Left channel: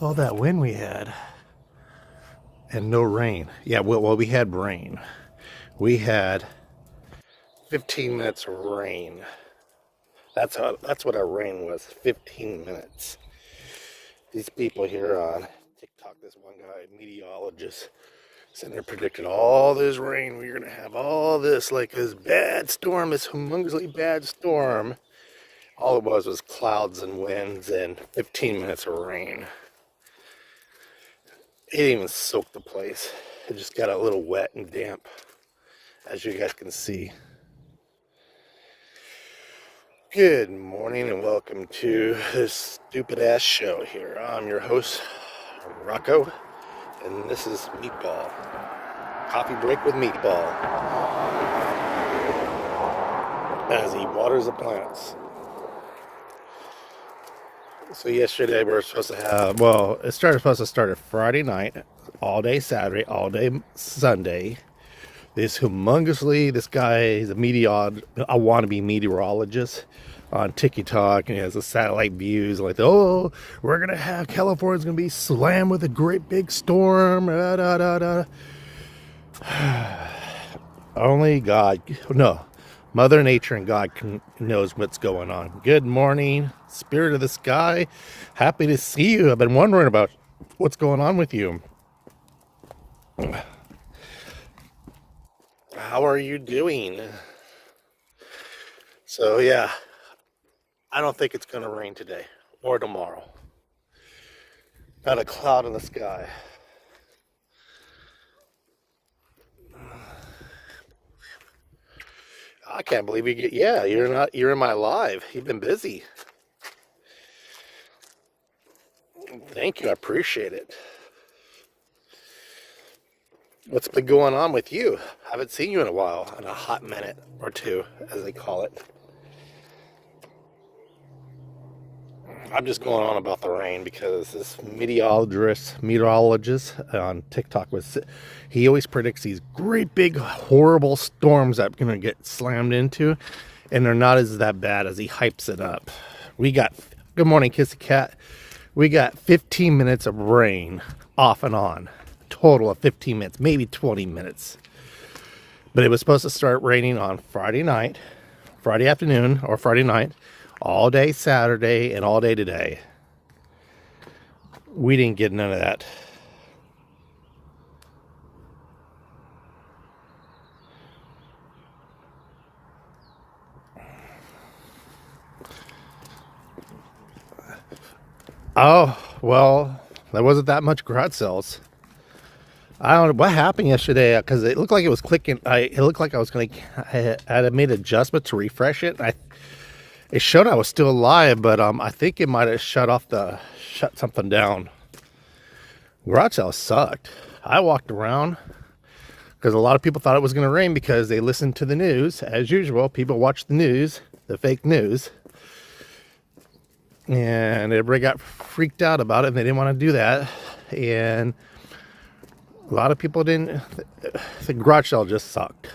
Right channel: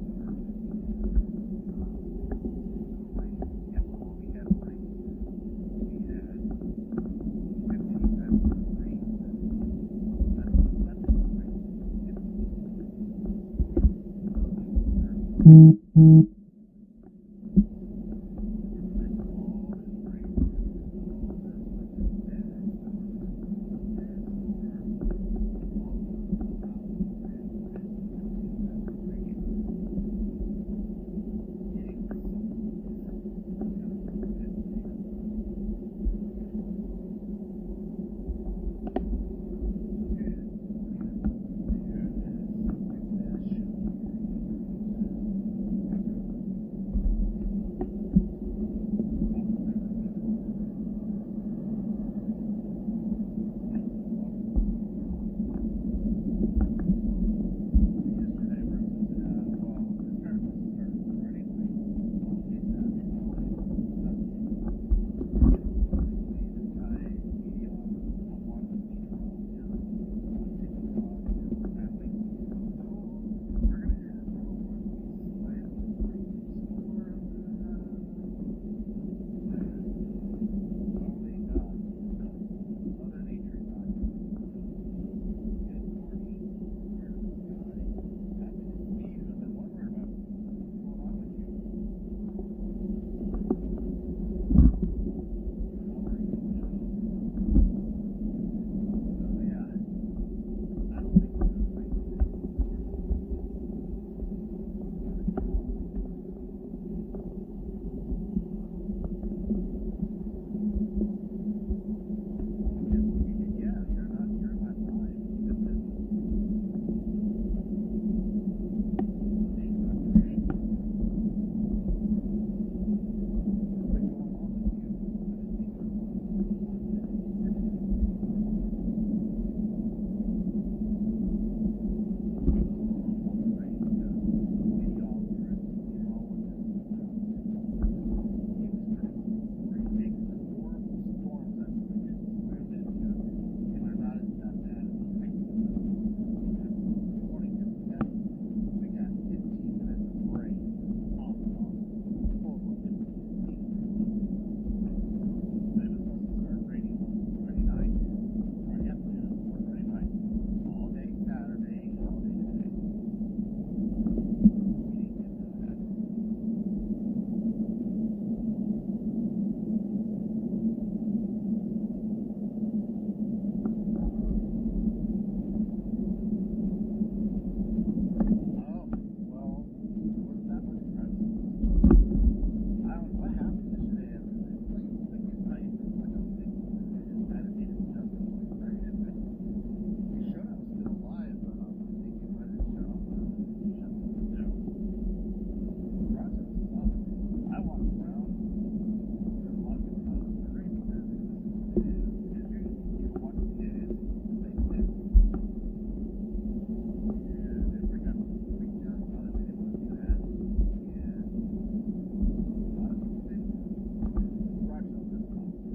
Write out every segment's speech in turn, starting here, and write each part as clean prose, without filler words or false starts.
all that wind we had and no rain. Yeah, well, we had rain. We had 15 minutes of rain. That's what our rain was. 15 minutes. These people here on TikTok, this one guy, meteorologist, sitting there predicting all this rain. We're gonna have all this, like this bad storm, this humongously bad storm. All it was clouds and winds and 15 minutes of rain. It didn't even soak the place. It just got a little wet and damp, as you guys can see. Good morning and welcome to this stupid ass show here. I'm your host, Rocco, and this is Meatball. Coffee break with Meatball. As he waters the plants. So yesterday we were supposed to have, supposed to start at Friday night, all day Saturday, all day Sunday. This guy, he's a wannabe meteorologist on TikTok, and he has the satellite views like, oh, we're going to have, California's going to be slammed with a great big storm. Only God, no. Mother Nature and God knows what's going on. Good morning, spirit of the sky. Happy to see you. I've been wondering about what's going on with you. How are you doing? So yeah, I don't think it's going to rain today or tomorrow. Not a cloud in the sky. I can't believe you're in my live. You've been busy. Thank you, I appreciate it. What's been going on with you? I haven't seen you in a while, in a hot minute or two, as they call it. I'm just going on about the rain because this meteorologist on TikTok he always predicts these great big horrible storms that are going to get slammed into, and they're not that bad as he hypes it up. Good morning, Kissy Cat. We got 15 minutes of rain off and on, total of 15 minutes, maybe 20 minutes. But it was supposed to start raining on Friday afternoon or Friday night, all day Saturday and all day today. We didn't get none of that. Oh, well, there wasn't that much garage sales. I don't know what happened yesterday because it looked like it was clicking. It looked like I had made an adjustment to refresh it. It showed I was still alive, but I think it might have shut something down. Garage sales sucked. I walked around because a lot of people thought it was going to rain because they listened to the news. As usual, people watch the news, the fake news. And everybody got freaked out about it, and they didn't want to do that. And a lot of people didn't. The garage sale just sucked.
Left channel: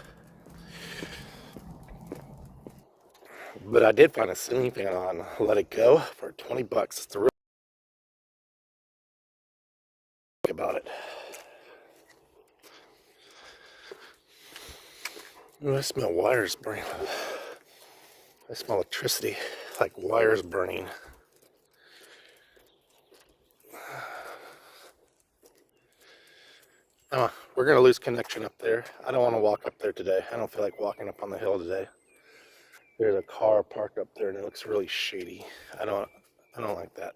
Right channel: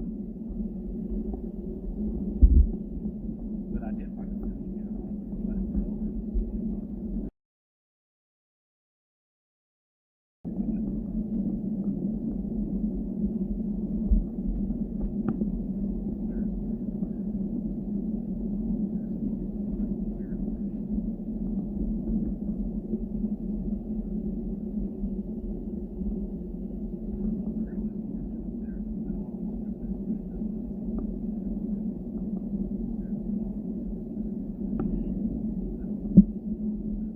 But I did find a ceiling fan on Let It Go for $20. It's the real about it. Ooh, I smell wires burning. I smell electricity, like wires burning. We're gonna lose connection up there. I don't want to walk up there today. I don't feel like walking up on the hill today. There's a car parked up there and it looks really shady. I don't like that.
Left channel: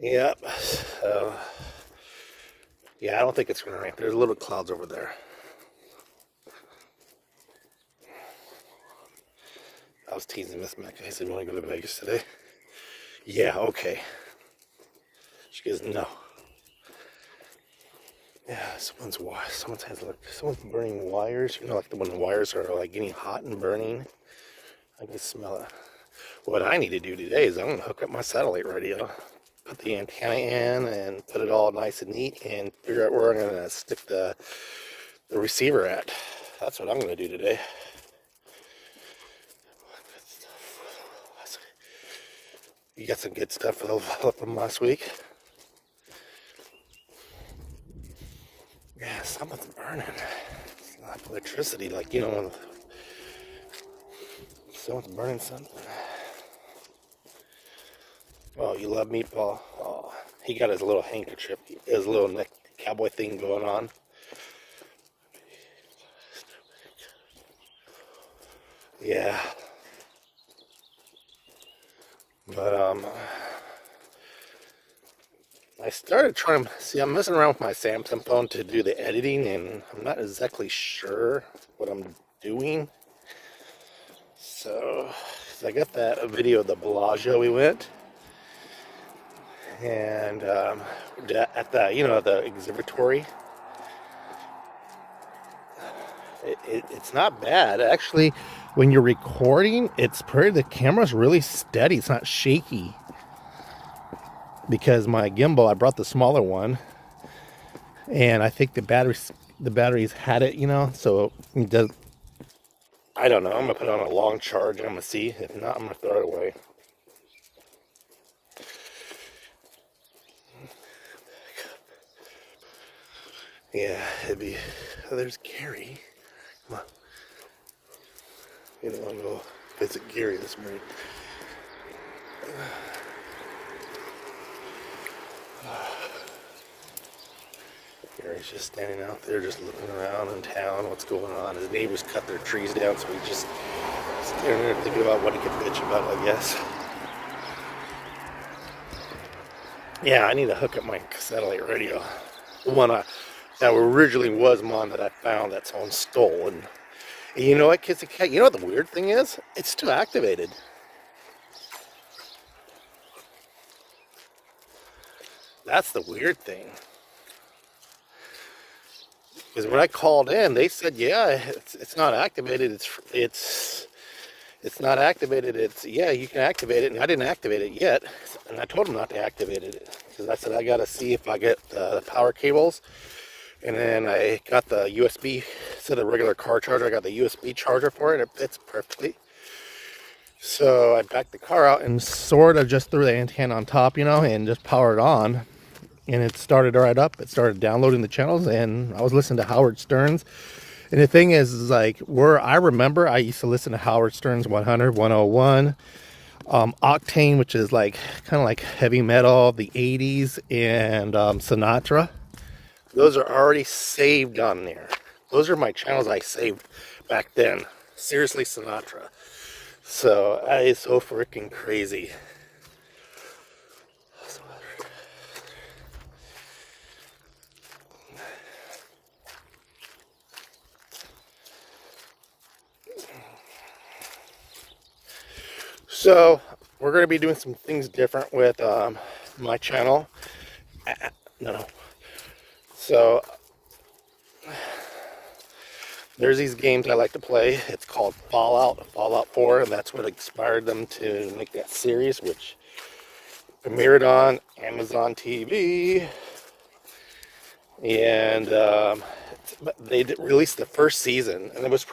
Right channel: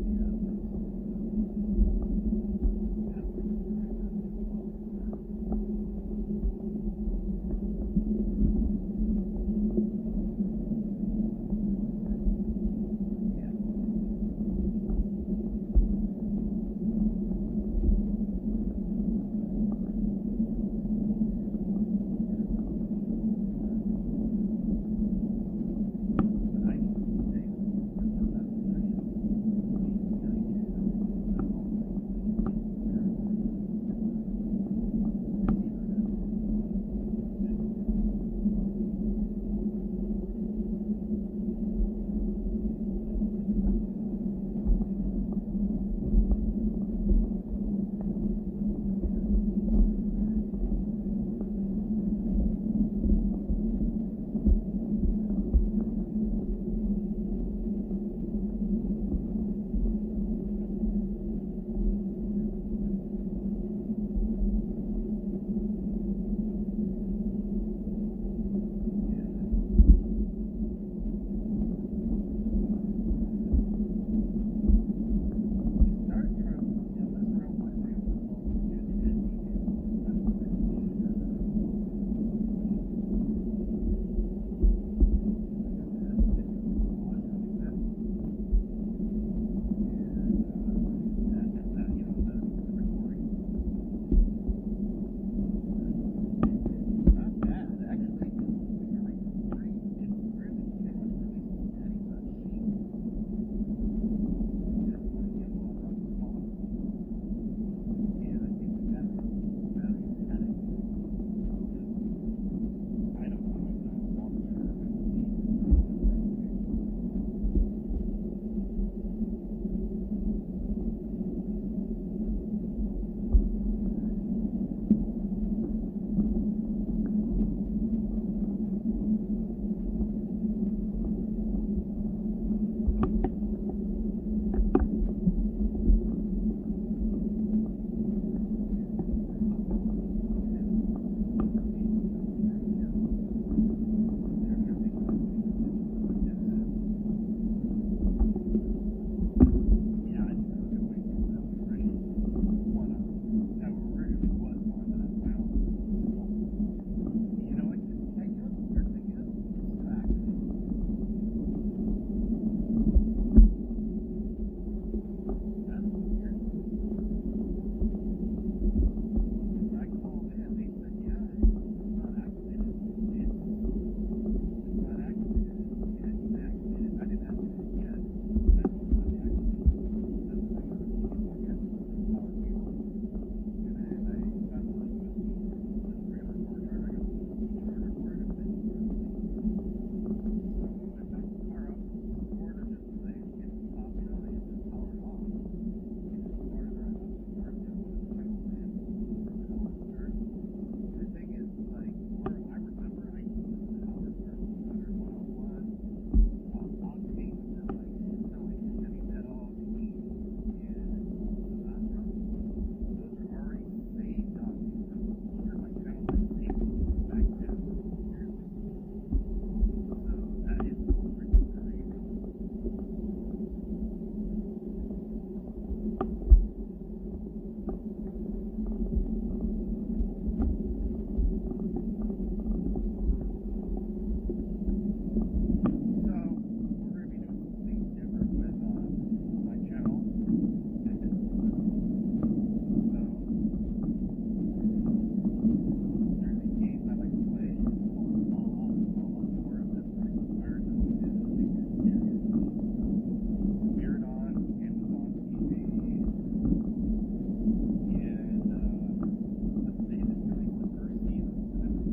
Yep. So, yeah, I don't think it's gonna rain. There's little clouds over there. I was teasing Miss Mecca. I said, "You want to go to Vegas today?" Yeah, okay. She goes, "No." Yeah, someone's burning wires. You know, like when wires are like getting hot and burning. I can smell it. What I need to do today is I'm gonna hook up my satellite radio, put the antenna in, and put it all nice and neat, and figure out where I'm gonna stick the the receiver at. That's what I'm going to do today. You got some good stuff from last week. Yeah, something's burning. It's not electricity, like, you know, when someone's burning something. Oh, you love meatball. Oh, he got his little handkerchief, his little neck cowboy thing going on. Yeah. But I started trying to see, I'm messing around with my Samsung phone to do the editing, and I'm not exactly sure what I'm doing. So I got that video of the Bellagio we went, and at the, you know, the observatory. It's not bad actually. When you're recording, the camera's really steady. It's not shaky. Because my gimbal, I brought the smaller one, and I think the batteries had it, you know, so it does. I don't know. I'm gonna put it on a long charge, and I'm gonna see. If not, I'm gonna throw it away. Yeah, it'd be. Oh, there's Gary. Come on. You know, I'll go visit Gary this morning. Gary's just standing out there, just looking around in town, what's going on. His neighbors cut their trees down, so he's just standing there thinking about what he could bitch about, I guess. Yeah, I need to hook up my satellite radio. The one that originally was mine that I found that someone stole. And you know what, Kissy Cat? You know what the weird thing is? It's still activated. That's the weird thing. Because when I called in, they said, yeah, it's not activated. It's not activated. Yeah, you can activate it. And I didn't activate it yet. And I told them not to activate it. Because I said, I got to see if I get the power cables. And then I got the USB, instead of the regular car charger, I got the USB charger for it. It fits perfectly. So I backed the car out and sort of just threw the antenna on top, you know, and just powered on. And it started right up. It started downloading the channels, and I was listening to Howard Stern's. And the thing is like, where I remember, I used to listen to Howard Stern's 100, 101, Octane, which is like kind of like heavy metal, the 80s, and Sinatra. Those are already saved on there. Those are my channels I saved back then. Seriously, Sinatra. So that is so freaking crazy. So we're going to be doing some things different with my channel. So there's these games I like to play. It's called Fallout 4, and that's what inspired them to make that series, which premiered on Amazon TV. And they released the first season, and it was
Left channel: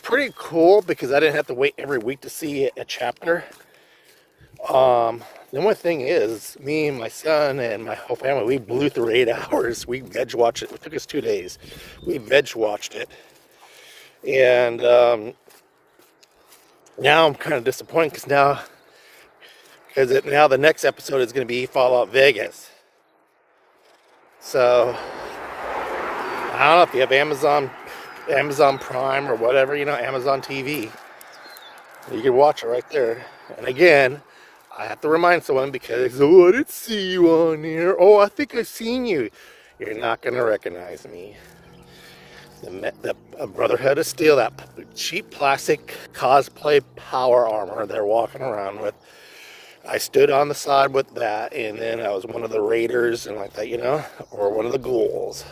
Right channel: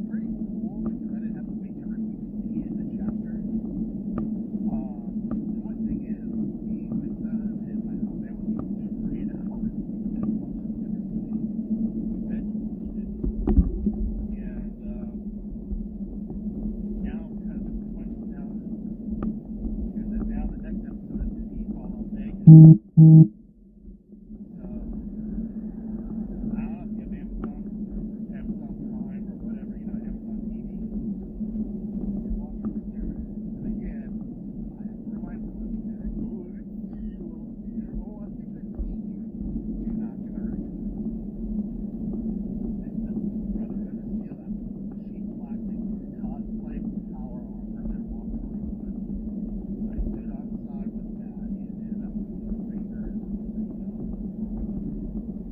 pretty cool because I didn't have to wait every week to see a chapter. The only thing is, me and my son and my whole family, we blew through 8 hours. We veg watched it. It took us 2 days. We veg watched it. And now I'm kind of disappointed because now the next episode is going to be Fallout Vegas. So I don't know if you have Amazon Prime or whatever, you know, Amazon TV. You can watch it right there. And again, I have to remind someone because, oh, I didn't see you on here. Oh, I think I've seen you. You're not going to recognize me. The Brotherhood of Steel, that cheap plastic cosplay power armor they're walking around with. I stood on the side with that, and then I was one of the raiders and like that, you know, or one of the ghouls.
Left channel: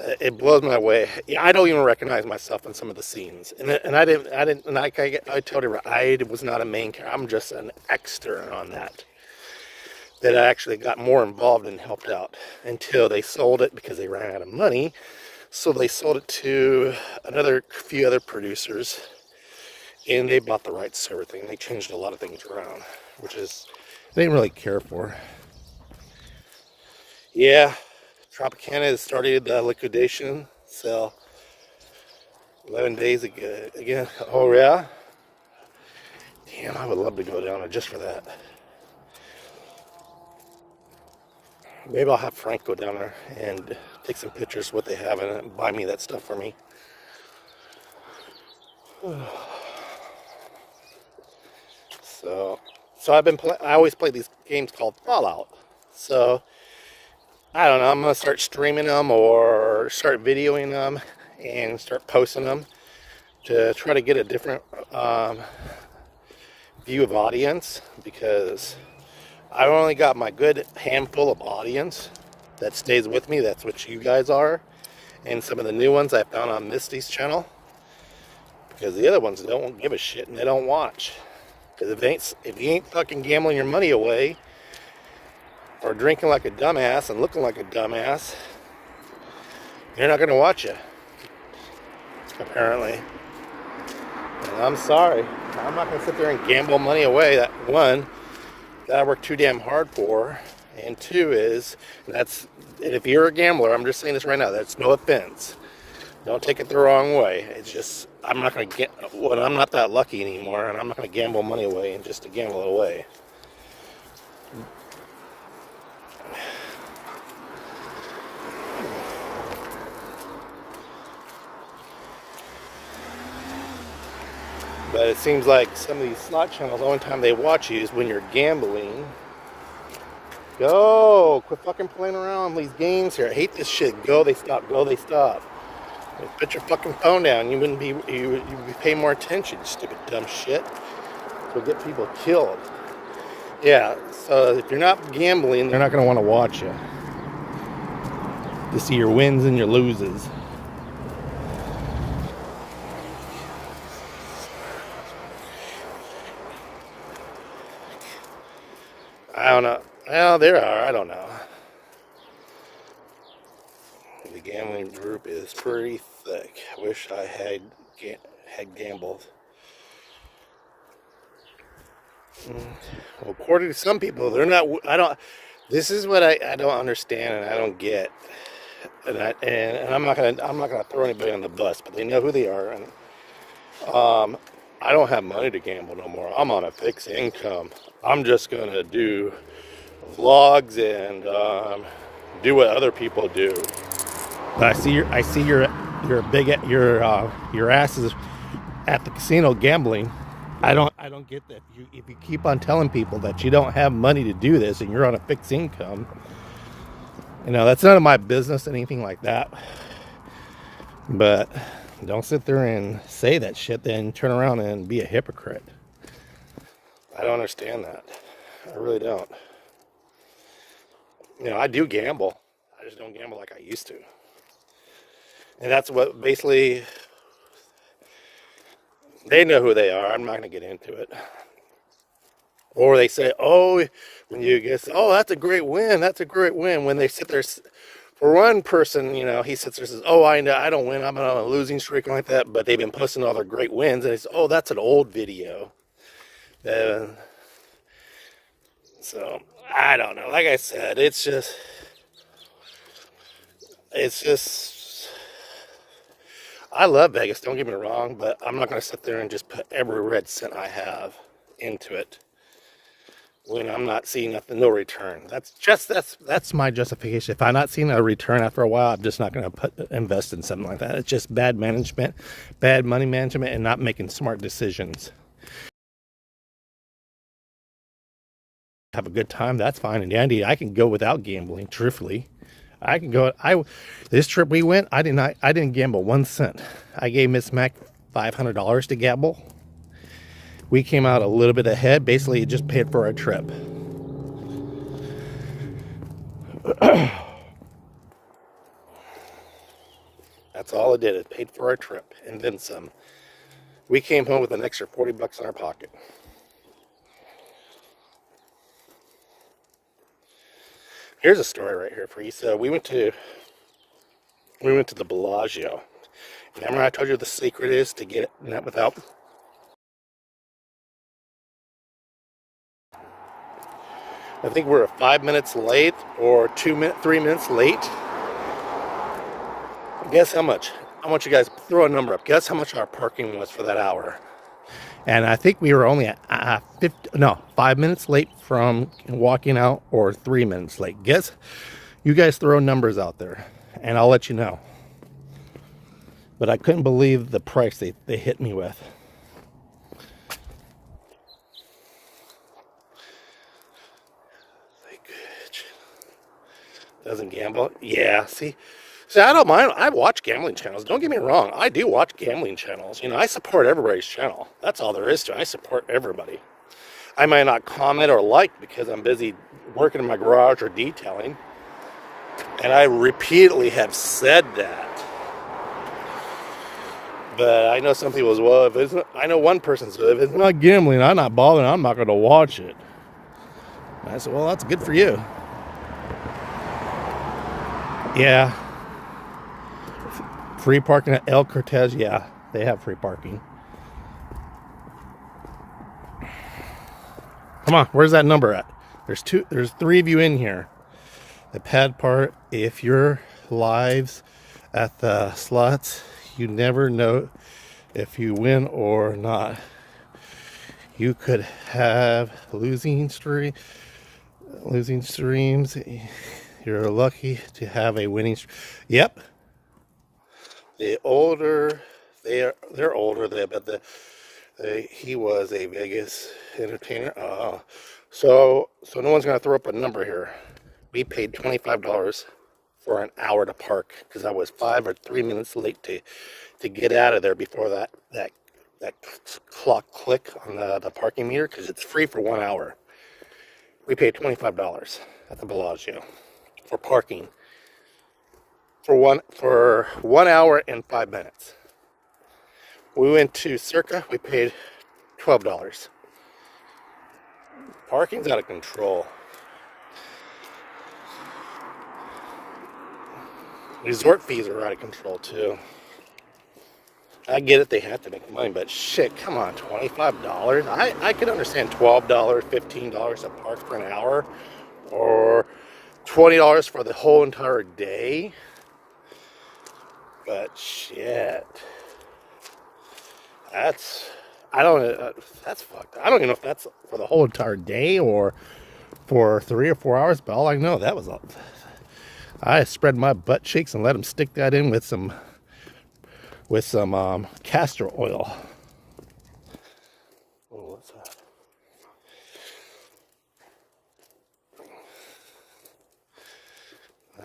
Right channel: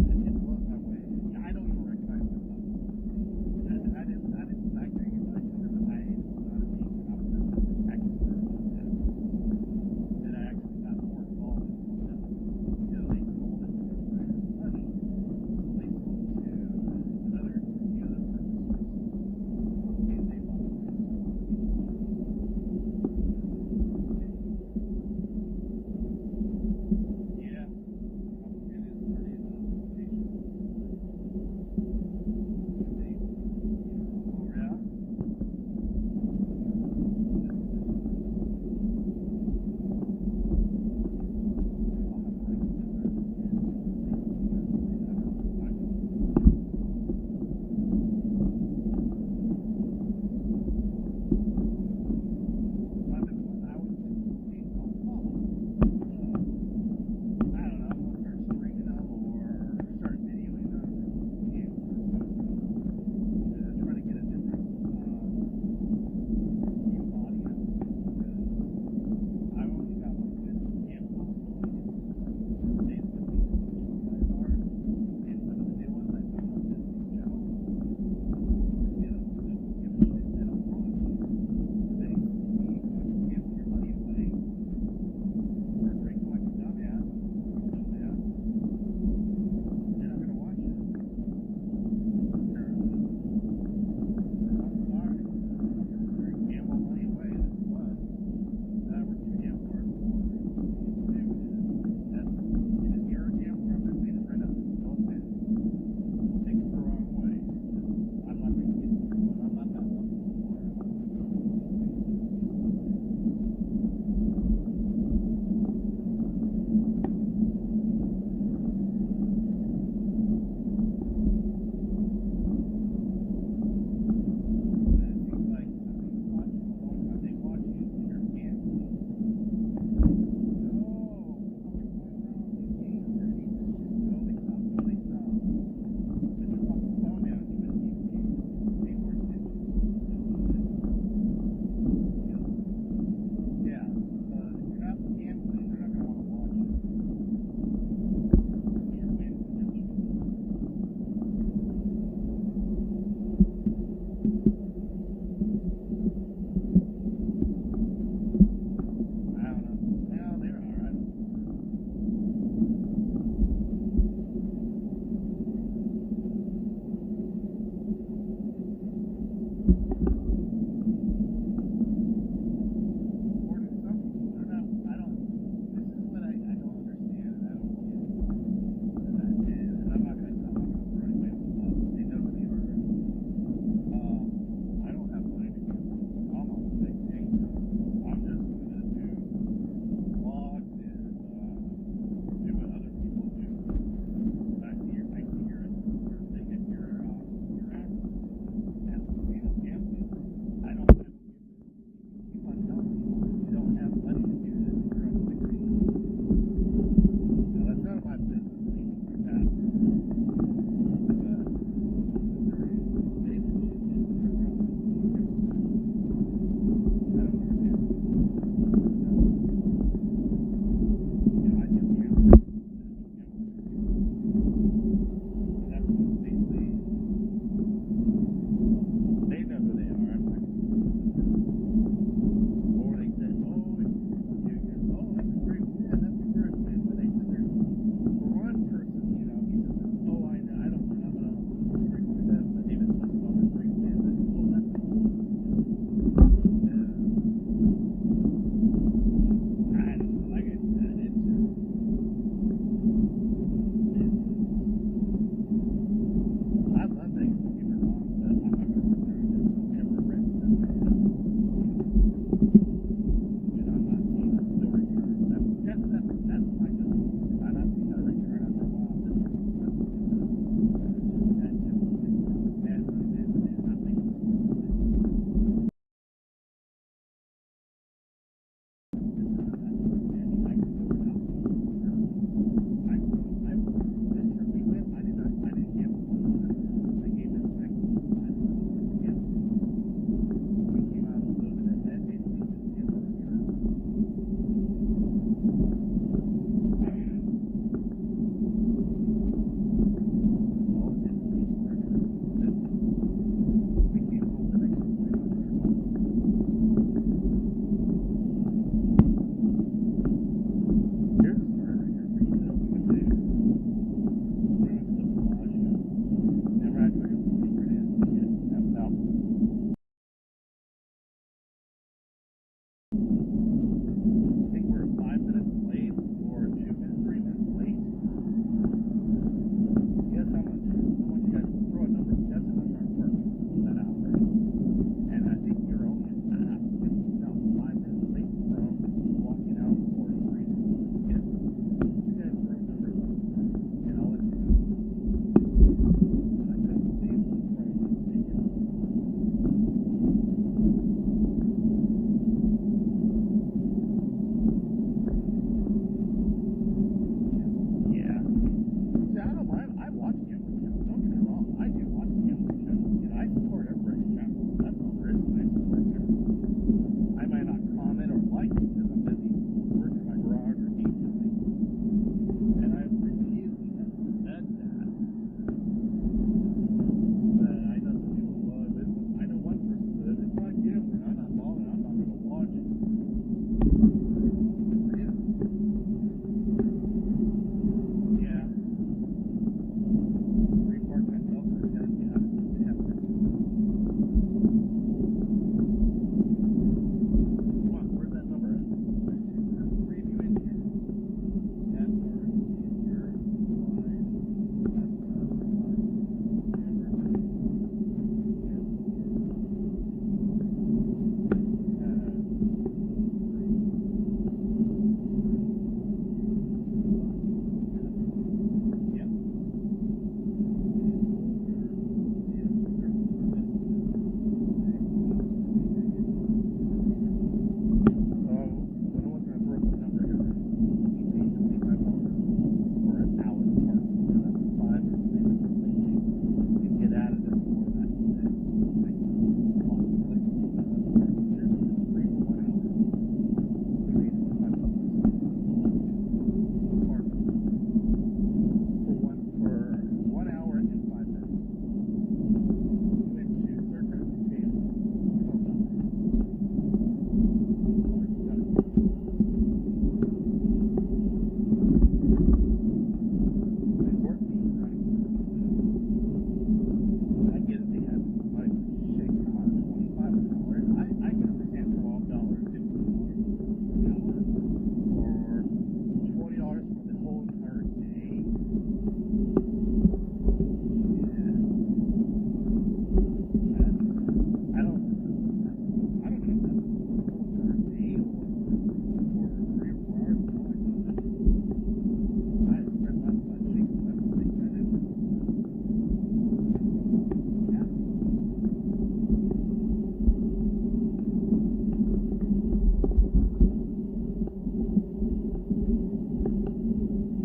It blows my way. I don't even recognize myself in some of the scenes, and I told her I was not a main character. I'm just an extra on that. that I actually got more involved and helped out until they sold it because they ran out of money. So they sold it to another few other producers, and they bought the rights to everything. They changed a lot of things around, which is they didn't really care for. Yeah, Tropicana has started liquidation. So 11 days ago again. Oh yeah. Damn, I would love to go down there just for that. Maybe I'll have Frank go down there and take some pictures of what they have and buy me that stuff for me. So I've been I always play these games called Fallout. So I don't know, I'm gonna start streaming them or start videoing them and start posting them to try to get a different view of audience, because I've only got my good handful of audience that stays with me. That's what you guys are, and some of the new ones I found on Misty's channel, because the other ones don't give a shit and they don't watch. Because if you ain't fucking gambling your money away or drinking like a dumbass and looking like a dumbass, you're not gonna watch you, apparently. And I'm sorry, I'm not gonna sit there and gamble money away. That one, that I work too damn hard for, and two is and if you're a gambler, I'm just saying this right now, that's no offense, don't take it the wrong way. It's just I'm not that lucky anymore, and I'm not gonna gamble money away and just to gamble it away. But it seems like some of these slot channels, the only time they watch you is when you're gambling. Go! Quit fucking playing around on these games here. I hate this shit. Go, they stop. Go, they stop. Put your fucking phone down. You would be paying more attention, stupid dumb shit. So get people killed. Yeah, so if you're not gambling, they're not going to want to watch you to see your wins and your loses. I don't know. Well, there are. I don't know. The gambling group is pretty thick. I wish I had gambled. Well, according to some people, they're not. This is what I don't understand and I don't get. And I'm not gonna throw anybody on the bus, but they know who they are. And I don't have money to gamble no more. I'm on a fixed income. I'm just gonna do vlogs and do what other people do. But I see your ass is at the casino gambling. I don't get that. If you keep on telling people that you don't have money to do this and you're on a fixed income, that's none of my business, anything like that. But don't sit there and say that shit, then turn around and be a hypocrite. I don't understand that. I really don't. I do gamble. I just don't gamble like I used to. And that's what basically, they know who they are. I'm not going to get into it. Or they say, oh, when you guess, oh, that's a great win. That's a great win. When they sit there, for one person, he sits there and says, oh, I don't win. I'm on a losing streak like that. But they've been posting all their great wins. And they say, oh, that's an old video. So, I don't know. Like I said, it's just, I love Vegas, don't get me wrong, but I'm not going to sit there and just put every red cent I have into it when I'm not seeing nothing, no return. That's my justification. If I'm not seeing a return after a while, I'm just not going to invest in something like that. It's just bad management, bad money management, and not making smart decisions. Have a good time, that's fine and dandy. I can go without gambling, truthfully. I can go. This trip we went, I didn't gamble 1 cent. I gave Miss Mac $500 to gamble. We came out a little bit ahead. Basically, it just paid for our trip. That's all it did. It paid for our trip and then some. We came home with an extra $40 in our pocket. Here's a story right here for you. So we went to the Bellagio. Remember I told you the secret is to get it without. I think we're 5 minutes late or 3 minutes late. Guess how much? I want you guys to throw a number up. Guess how much our parking was for that hour? And I think we were only 5 minutes late from walking out, or 3 minutes late. Guess. You guys throw numbers out there, and I'll let you know. But I couldn't believe the price they hit me with. Doesn't gamble? Yeah, see, I don't mind. I watch gambling channels. Don't get me wrong. I do watch gambling channels. You know, I support everybody's channel. That's all there is to it. I support everybody. I might not comment or like because I'm busy working in my garage or detailing. And I repeatedly have said that. But I know some people as well. I know one person said, if it's not gambling, I'm not bothering. I'm not going to watch it. And I said, well, that's good for you. Yeah. Free parking at El Cortez. Yeah, they have free parking. Come on, where's that number at? There's 3 of you in here. The pad part, if you're lives at the slots, you never know if you win or not. You could have losing streams. You're lucky to have a winning stream. Yep. The older they're older. But he was a Vegas entertainer. So no one's gonna throw up a number here. We paid $25 for an hour to park because I was 5 or 3 minutes late to get out of there before that clock click on the parking meter, because it's free for 1 hour. We paid $25 at the Bellagio for parking for one hour and 5 minutes. We went to Circa. We paid $12. Parking's out of control. Resort fees are out of control too. I get it, they have to make money, but shit, come on, $25? I could understand $12, $15 a park for an hour, or $20 for the whole entire day. But shit, that's fucked. I don't even know if that's for the whole entire day or for 3 or 4 hours, but all I know, that was I spread my butt cheeks and let them stick that in with some castor oil. What's that?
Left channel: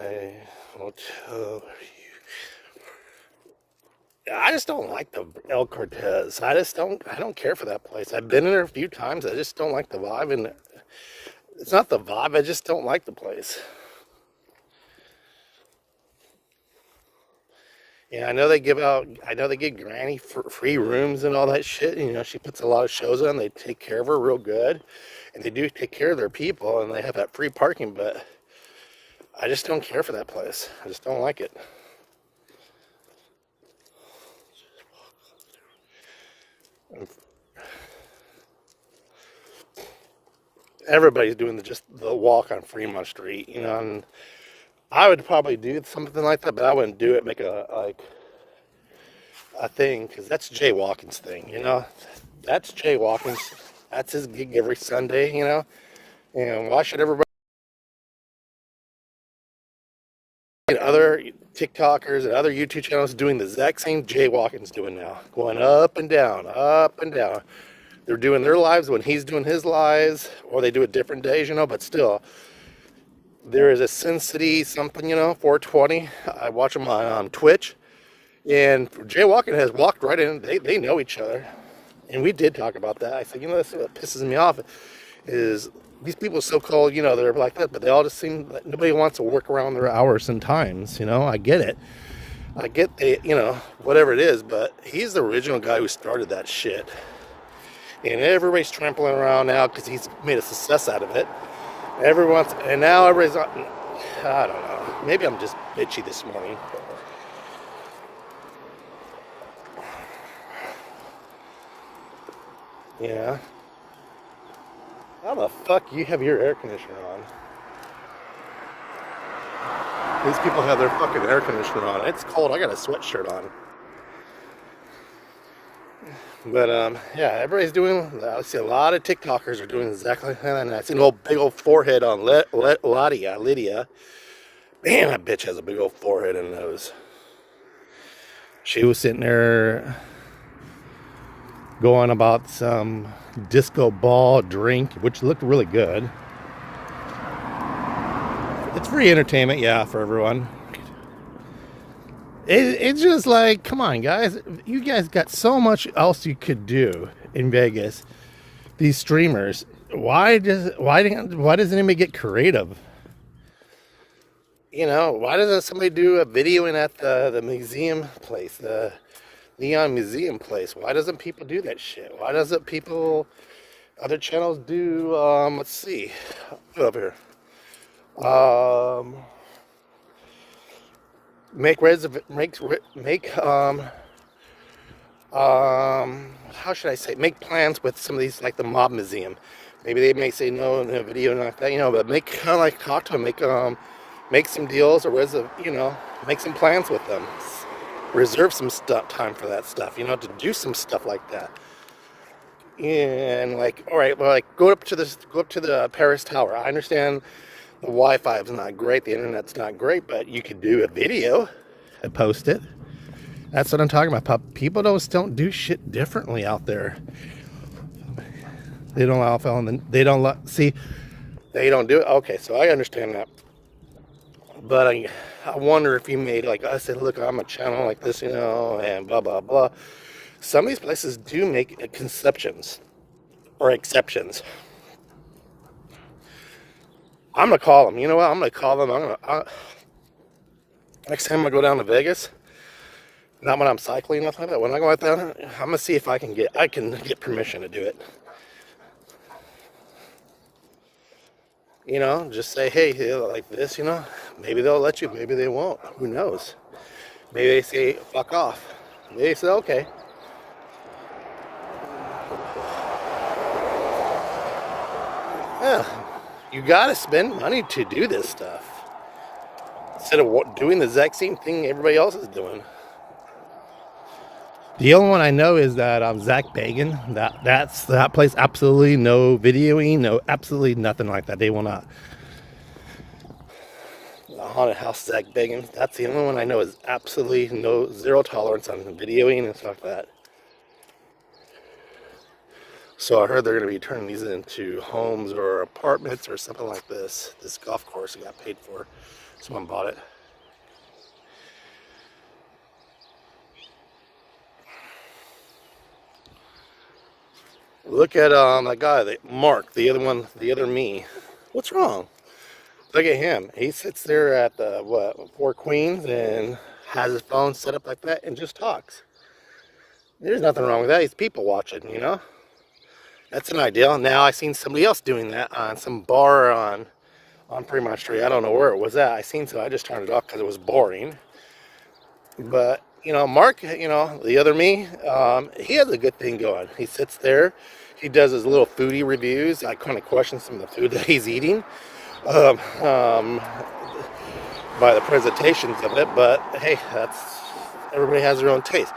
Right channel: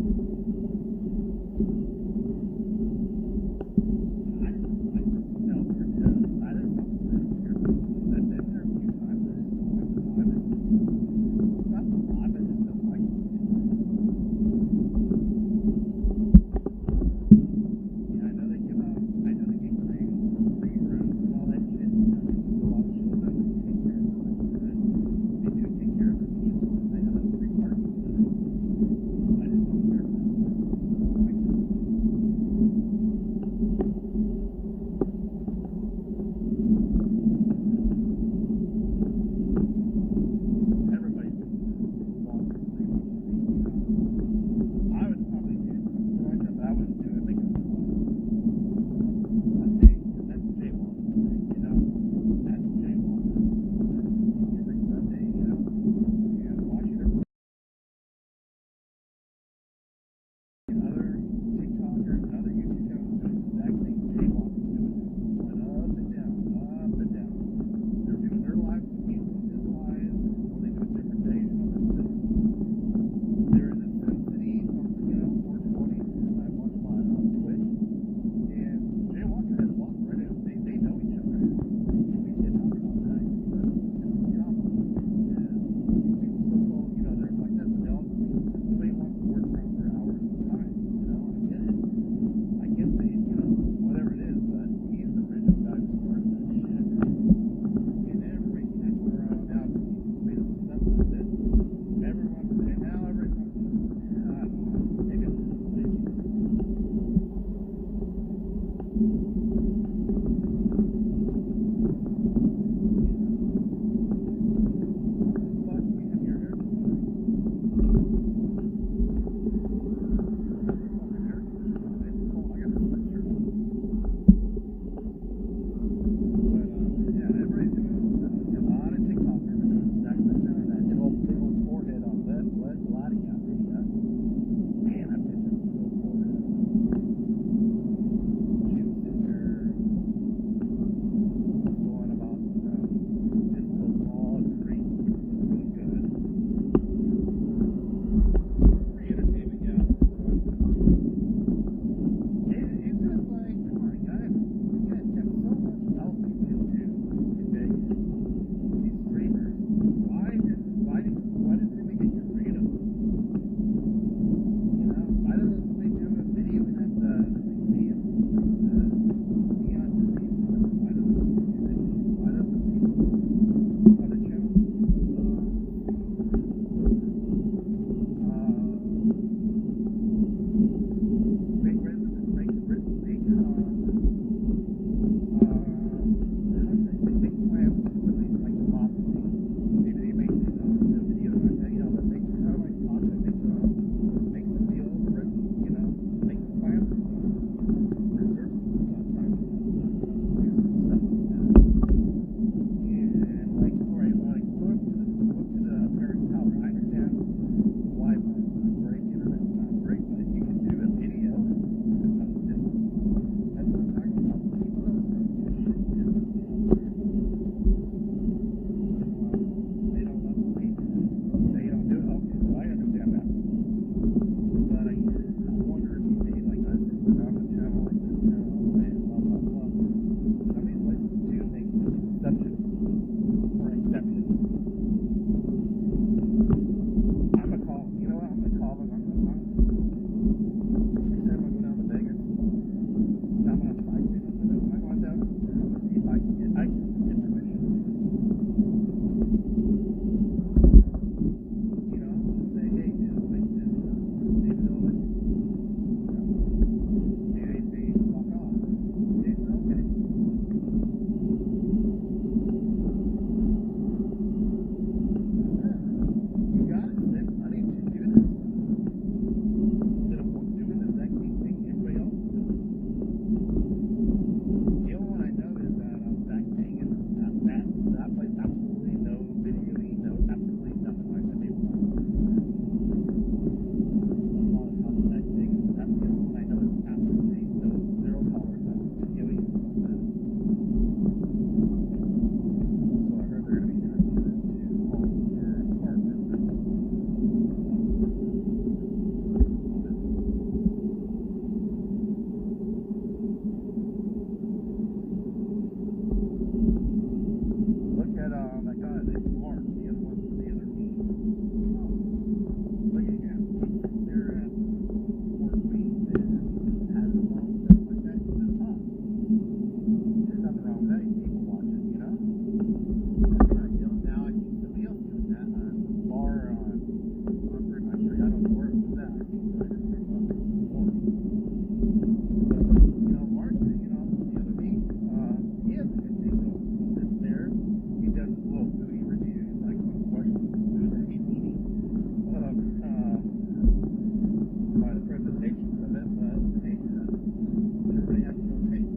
I will tell you. I just don't like the El Cortez. I don't care for that place. I've been in there a few times. I just don't like the vibe, and it's not the vibe. I just don't like the place. Yeah, I know they give Granny for free rooms and all that shit. You know, she puts a lot of shows on. They take care of her real good, and they do take care of their people, and they have that free parking. But I just don't care for that place. I just don't like it. Everybody's doing the walk on Fremont Street, you know, and I would probably do something like that, but I wouldn't do it, make a thing, because that's Jay Watkins' thing, you know. That's Jay Watkins. That's his gig every Sunday, you know. And why should everybody, other TikTokers and other YouTube channels doing the exact same Jay Watkins doing now, going up and down, up and down. They're doing their lives when he's doing his lives, or they do it different days, you know, but still, there is a Sin City something, you know, 420. I watch them on Twitch, and Jay Watkins has walked right in. They know each other, and we did talk about that. I said, you know, that's what pisses me off is these people so-called, you know, they're like that, but they all just seem like nobody wants to work around their hours and times, you know. I get it. I get the, you know, whatever it is, but he's the original guy who started that shit. And everybody's trampling around now because he's made a success out of it. And now everybody's I don't know. Maybe I'm just bitchy this morning. Yeah. How the fuck you have your air conditioner on? These people have their fucking air conditioner on. It's cold. I got a sweatshirt on. But yeah, everybody's doing. I see a lot of TikTokers are doing exactly that. And I see an old big old forehead on Lydia. Man, that bitch has a big old forehead and nose. She was sitting there going about some disco ball drink, which looked really good. It's free entertainment, yeah, for everyone. It's just like, come on, guys. You guys got so much else you could do in Vegas. These streamers. Why doesn't anybody get creative? You know, why doesn't somebody do a videoing at the museum place, the Neon Museum place? Why doesn't people do that shit? Why doesn't other channels do, let's see, go up here. How should I say? Make plans with some of these, like the Mob Museum. Maybe they may say no in a video, not that, you know, but make kind of like talk to them, make some deals or make some plans with them. Reserve some time for that stuff, you know, to do some stuff like that. And like, all right, well, like go up to the Paris Tower. I understand the Wi-Fi is not great, the internet's not great, but you could do a video and post it. That's what I'm talking about. People don't do shit differently out there. They don't allow they don't do it. Okay, so I understand that. But I wonder if you made, like I said, look, I'm a channel like this, you know, and blah, blah, blah. Some of these places do make exceptions. I'm going to call them. You know what? I'm going to call them. Next time I go down to Vegas, not when I'm cycling, nothing like that. When I go out there, I'm going to see if I can get permission to do it. You know, just say, hey, like this, you know, maybe they'll let you, maybe they won't. Who knows? Maybe they say, fuck off. Maybe they say, okay. Yeah, you gotta spend money to do this stuff instead of doing the exact same thing everybody else is doing. The only one I know is that Zach Bagan. That place, absolutely no videoing, no, absolutely nothing like that. They will not. The Haunted House Zach Bagan. That's the only one I know is absolutely zero tolerance on videoing and stuff like that. So I heard they're going to be turning these into homes or apartments or something like this. This golf course got paid for. Someone bought it. Look at that guy, Mark, the other me. What's wrong? Look at him. He sits there at the Four Queens and has his phone set up like that and just talks. There's nothing wrong with that. He's people watching, you know. That's an ideal. Now I seen somebody else doing that on some bar on Fremont Street. I don't know where it was at. I just turned it off because it was boring. But, you know, Mark, you know, the other me, he has a good thing going. He sits there, he does his little foodie reviews. I kind of question some of the food that he's eating by the presentations of it. But, hey, everybody has their own taste.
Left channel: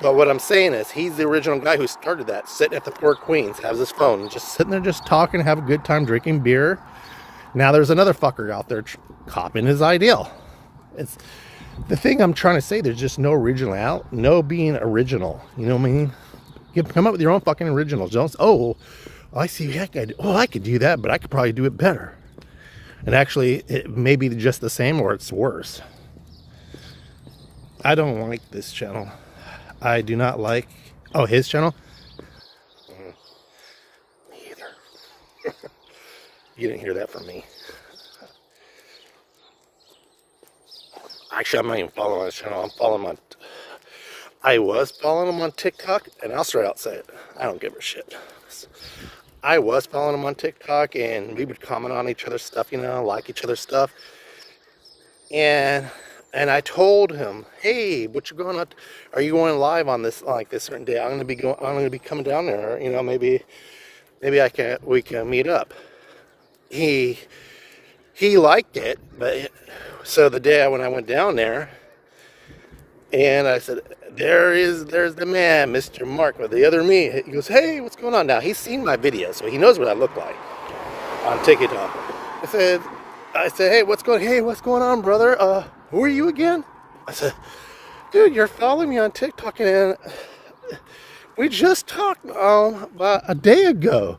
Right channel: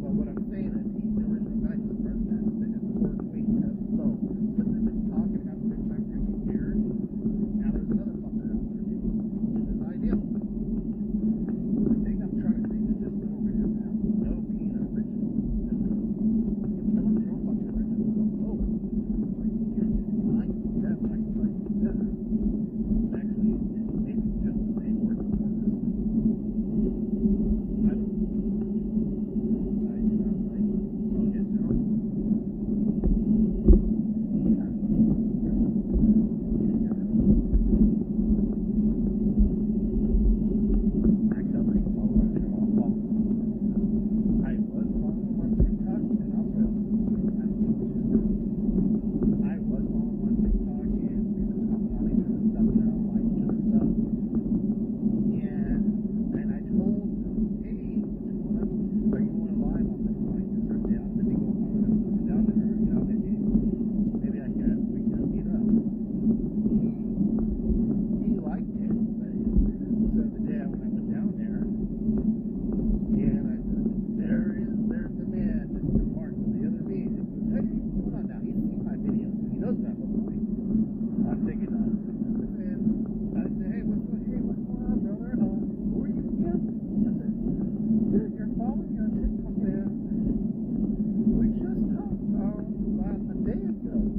But what I'm saying is, he's the original guy who started that, sitting at the Four Queens, has his phone, just sitting there just talking, have a good time drinking beer. Now there's another fucker out there copying his ideal. It's the thing I'm trying to say. There's just no no being original. You know what I mean? Come up with your own fucking originals. Don't. I see that guy. I could do that, but I could probably do it better. And actually, it may be just the same or it's worse. I don't like this channel. I do not like. Oh, his channel? Me either. You didn't hear that from me. Actually, I'm not even following his channel. I was following him on TikTok, and I'll straight out say it. I don't give a shit. I was following him on TikTok, and we would comment on each other's stuff, you know, like each other's stuff. and I told him, hey, what you going on? Are you going live on this like this certain day? I'm gonna be coming down there. You know, maybe we can meet up. He liked it, but so the day when I went down there, and I said, there's the man, Mr. Mark, with the other me. He goes, hey, what's going on now? He's seen my video, so he knows what I look like on TikTok. I said, hey, what's going on, brother? Who are you again? I said, dude, you're following me on TikTok, and we just talked about a day ago.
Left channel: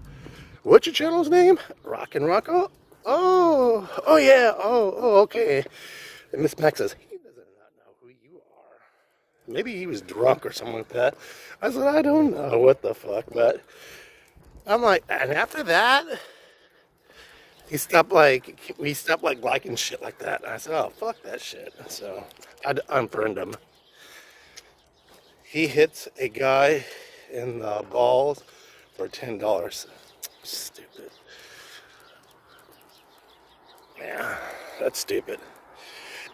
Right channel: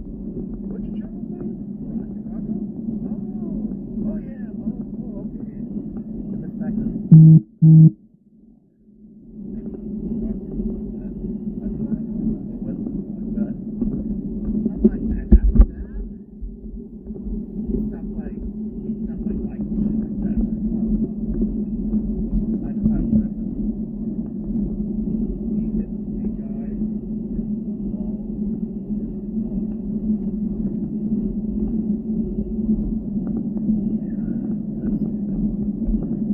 What's your channel's name? Rockin' Rocco? Oh yeah. Oh, okay. And Miss Mac says, maybe he was drunk or something like that. I said, I don't know what the fuck, but I'm like, and after that, we stopped liking shit like that. And I said, oh, fuck that shit. So I unfriended him. He hits a guy in the balls for $10. Stupid. Yeah, that's stupid.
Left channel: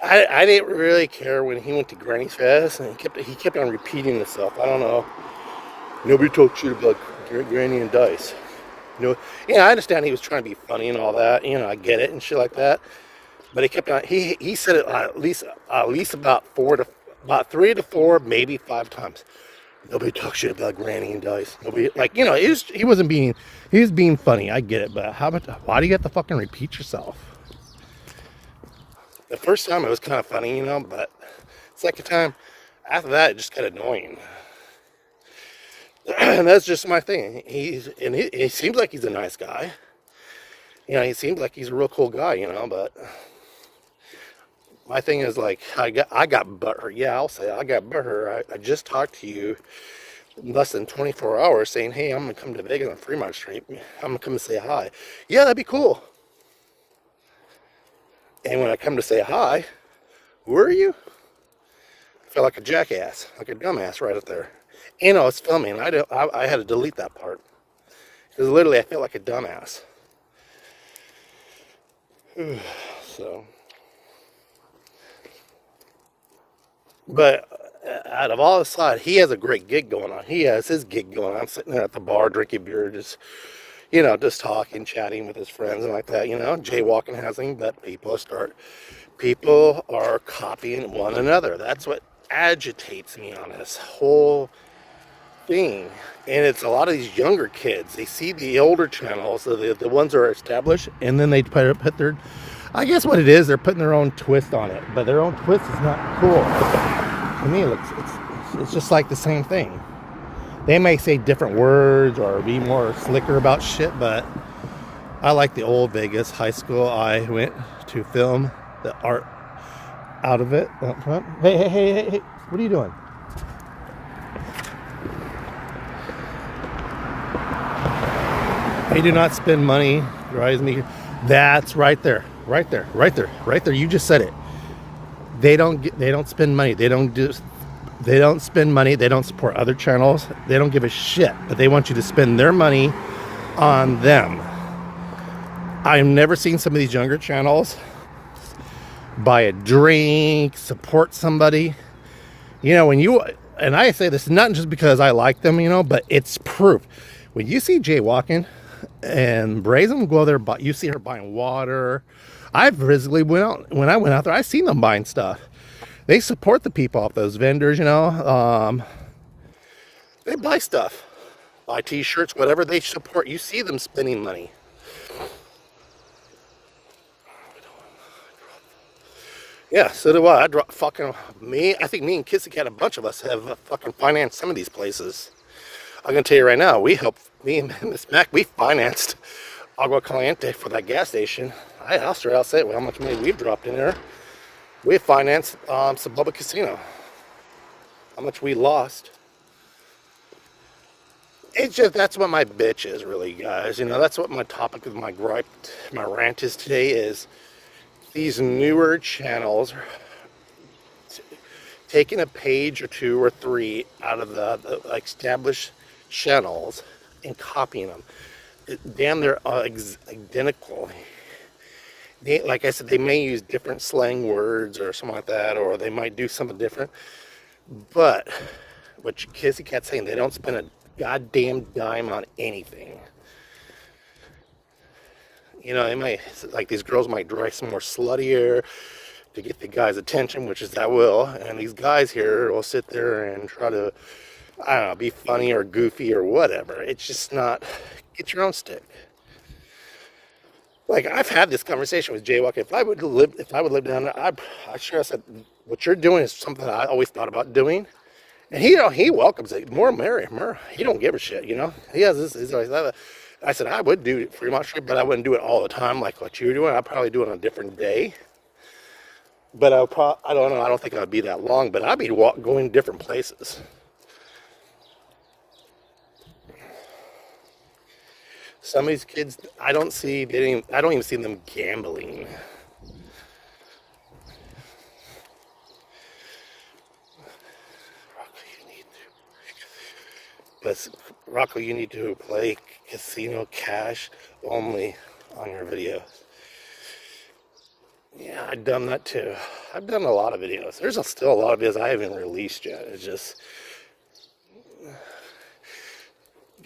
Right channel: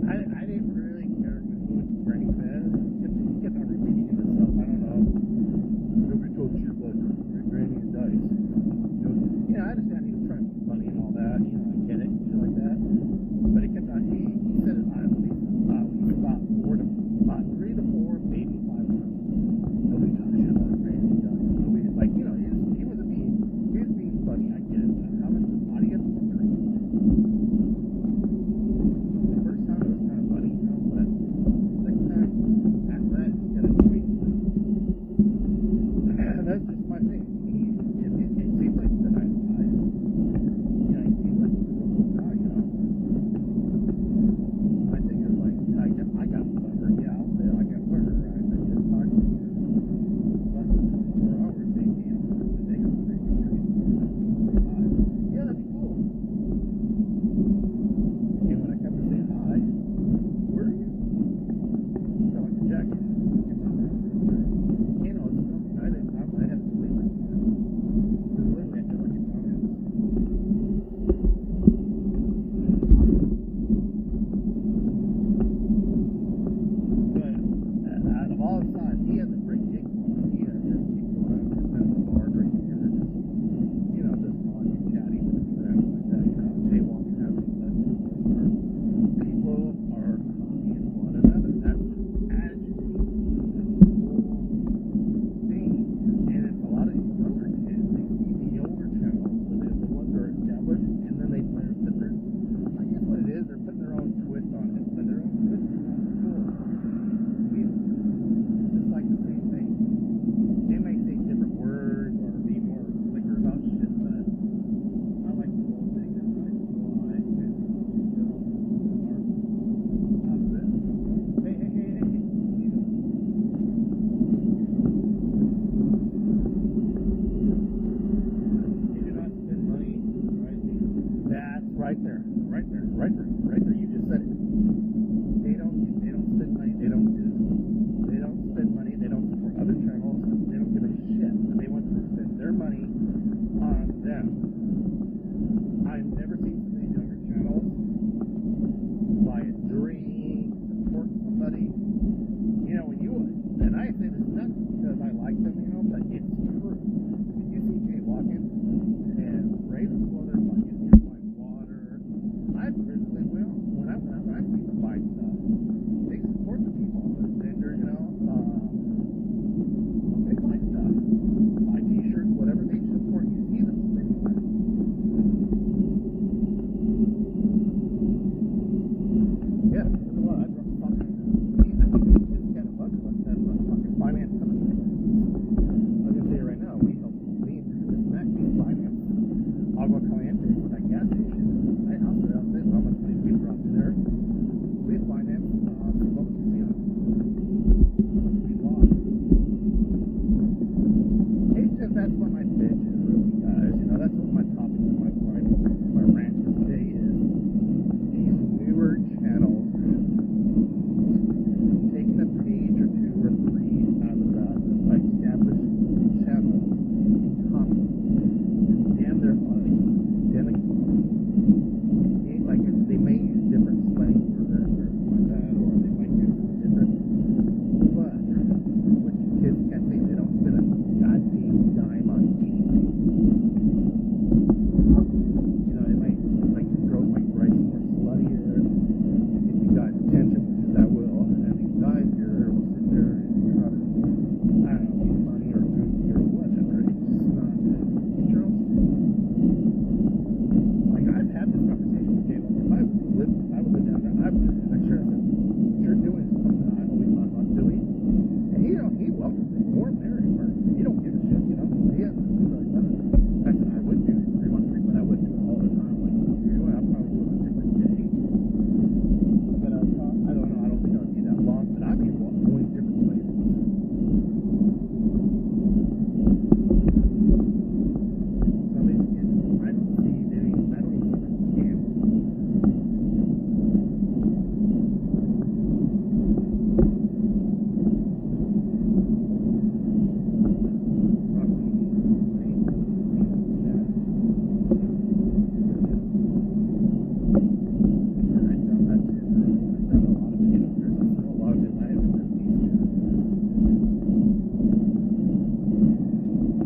I didn't really care when he went to Granny's Fest, and he kept on repeating himself. I don't know. Nobody talked shit about Granny and Dice. You know, yeah, I understand he was trying to be funny and all that. You know, I get it and shit like that. But he kept on. He said it at least about 3 to 4, maybe 5 times. Nobody talks shit about Granny and Dice. Nobody, like, you know, he was being funny. I get it, but why do you have to fucking repeat yourself? The first time it was kind of funny, you know, but second time, after that, it just got annoying. And that's just my thing. He seems like he's a nice guy. You know, he seems like he's a real cool guy, you know, but my thing is, like, I got butthurt. Yeah, I'll say I got butthurt. I just talked to you in less than 24 hours saying, hey, I'm going to come to Vegas on Fremont Street. I'm going to come and say hi. Yeah, that'd be cool. And when I come to say hi, who are you? I felt like a jackass, like a dumbass right up there. You know, it's filming. I had to delete that part. Because literally, I feel like a dumbass. So. But out of all the side, he has a great gig going on. He has his gig going on. I'm sitting there at the bar drinking beer, just talking, chatting with his friends and like that, you know, jaywalking, having that people are copying one another. That's what agitates me on this whole thing. And it's a lot of these younger kids. They see the older channels, the ones that are established, and then they put their, I guess what it is, they're putting their own twist on it. But their own twist is not cool. To me, it's just like the same thing. They may say different words or be more slicker about shit, but I like the old Vegas high school. I went to film the art out of it. Hey, what are you doing? They do not spend money. Drives me. That's right there. You just said it. They don't spend money. They don't spend money. They don't support other channels. They don't give a shit. But they want you to spend their money on them. I've never seen some of these younger channels buy a drink, support somebody. You know, and I say this not just because I like them, you know, but it's proof. When you see jaywalking and Brazen go there, you see her buying water. I've physically when I went out there, I seen them buying stuff. They support the people off those vendors, you know. They buy stuff, buy t-shirts, whatever they support. You see them spending money. Yeah, so do I. I think me and Kissy, a bunch of us have fucking financed some of these places. I'm gonna tell you right now, me and Miss Mac, we financed Agua Caliente for that gas station. I'll say how much money we've dropped in there. We financed some public casino. How much we lost. It's just, that's what my bitch is, really, guys. You know, that's what my topic of my gripe, my rant is today, is these newer channels taking a page or 2 or 3 out of the established channels and copying them. Damn, they're identical. like I said, they may use different slang words or something like that, or they might do something different. But what Kizzy Cat's saying, they don't spend a goddamn dime on anything. You know, they might, like, these girls might dress some more sluttier to get the guy's attention, which is that will, and these guys here will sit there and try to, I don't know, be funny or goofy or whatever. It's just not, get your own stick. Like, I've had this conversation with Jaywalk. If I would live down there, I sure I said, what you're doing is something I always thought about doing. And he welcomes it. More merrier. He don't give a shit, you know. He has this. He's always that. I said I would do Fremont Street, but I wouldn't do it all the time like what you were doing. I'd probably do it on a different day. But I don't know. I don't think I'd be that long. But I'd be going different places. Some of these kids, I don't even see them gambling. Rocco, you need to play casino cash only on your videos. Yeah, I've done that too. I've done a lot of videos. There's still a lot of videos I haven't released yet. It's just,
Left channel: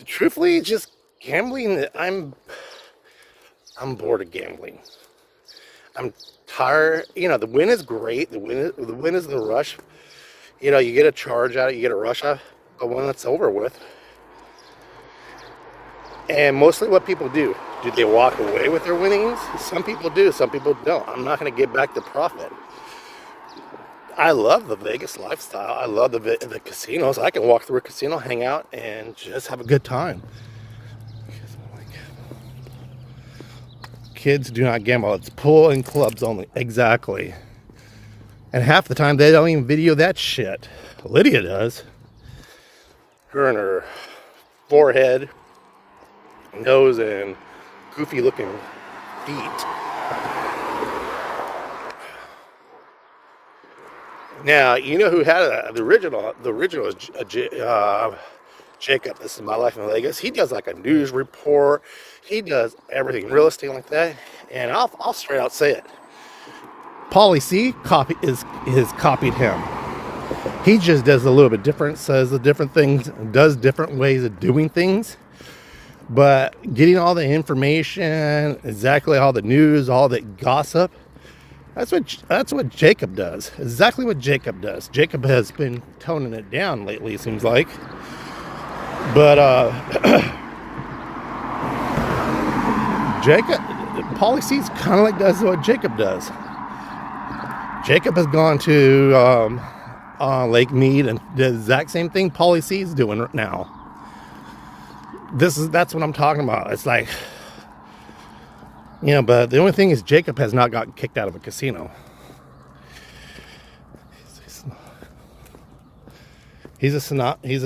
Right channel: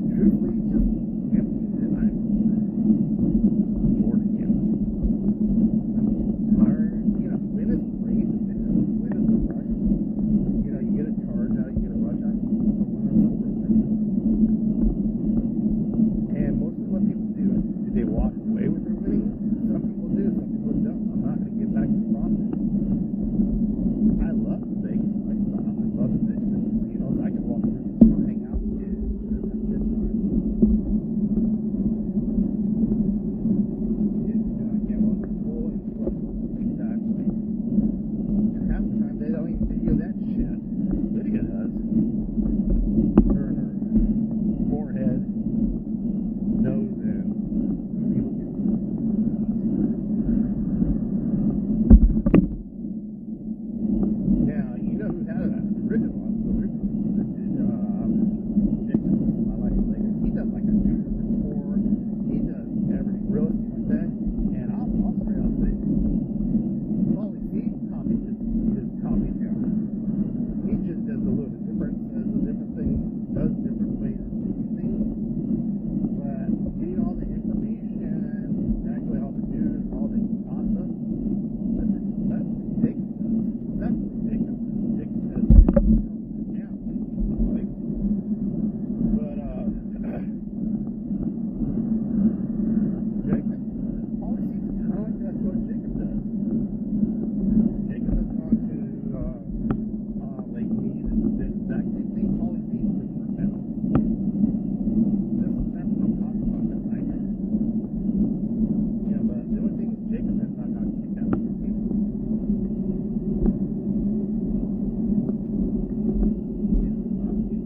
truthfully, just gambling. I'm bored of gambling. I'm tired. You know, the win is great. The win is the rush. You know, you get a charge out of it, you get a rush out, but when it's over with. And mostly what people do they walk away with their winnings? Some people do, some people don't. I'm not going to get back the profit. I love the Vegas lifestyle. I love the casinos. I can walk through a casino, hang out, and just have a good time. Kids do not gamble. It's pool and clubs only. Exactly. And half the time they don't even video that shit. Lydia does. Her and her forehead, nose, and goofy looking feet. Now, you know who had the original is Jacob. This is My Life in Vegas. He does like a news report. He does everything, real estate like that. And I'll straight out say it. Pauly C has copied him. He just does a little bit different, says the different things, does different ways of doing things. But getting all the information, exactly all the news, all the gossip, that's what Jacob does. Exactly what Jacob does. Jacob has been toning it down lately, it seems like. But Pauly C's kind of like does what Jacob does. Jacob has gone to Lake Mead and the exact same thing Pauly C's doing right now. That's what I'm talking about. It's like, you know, but the only thing is Jacob has not gotten kicked out of a casino. He's a snob. Did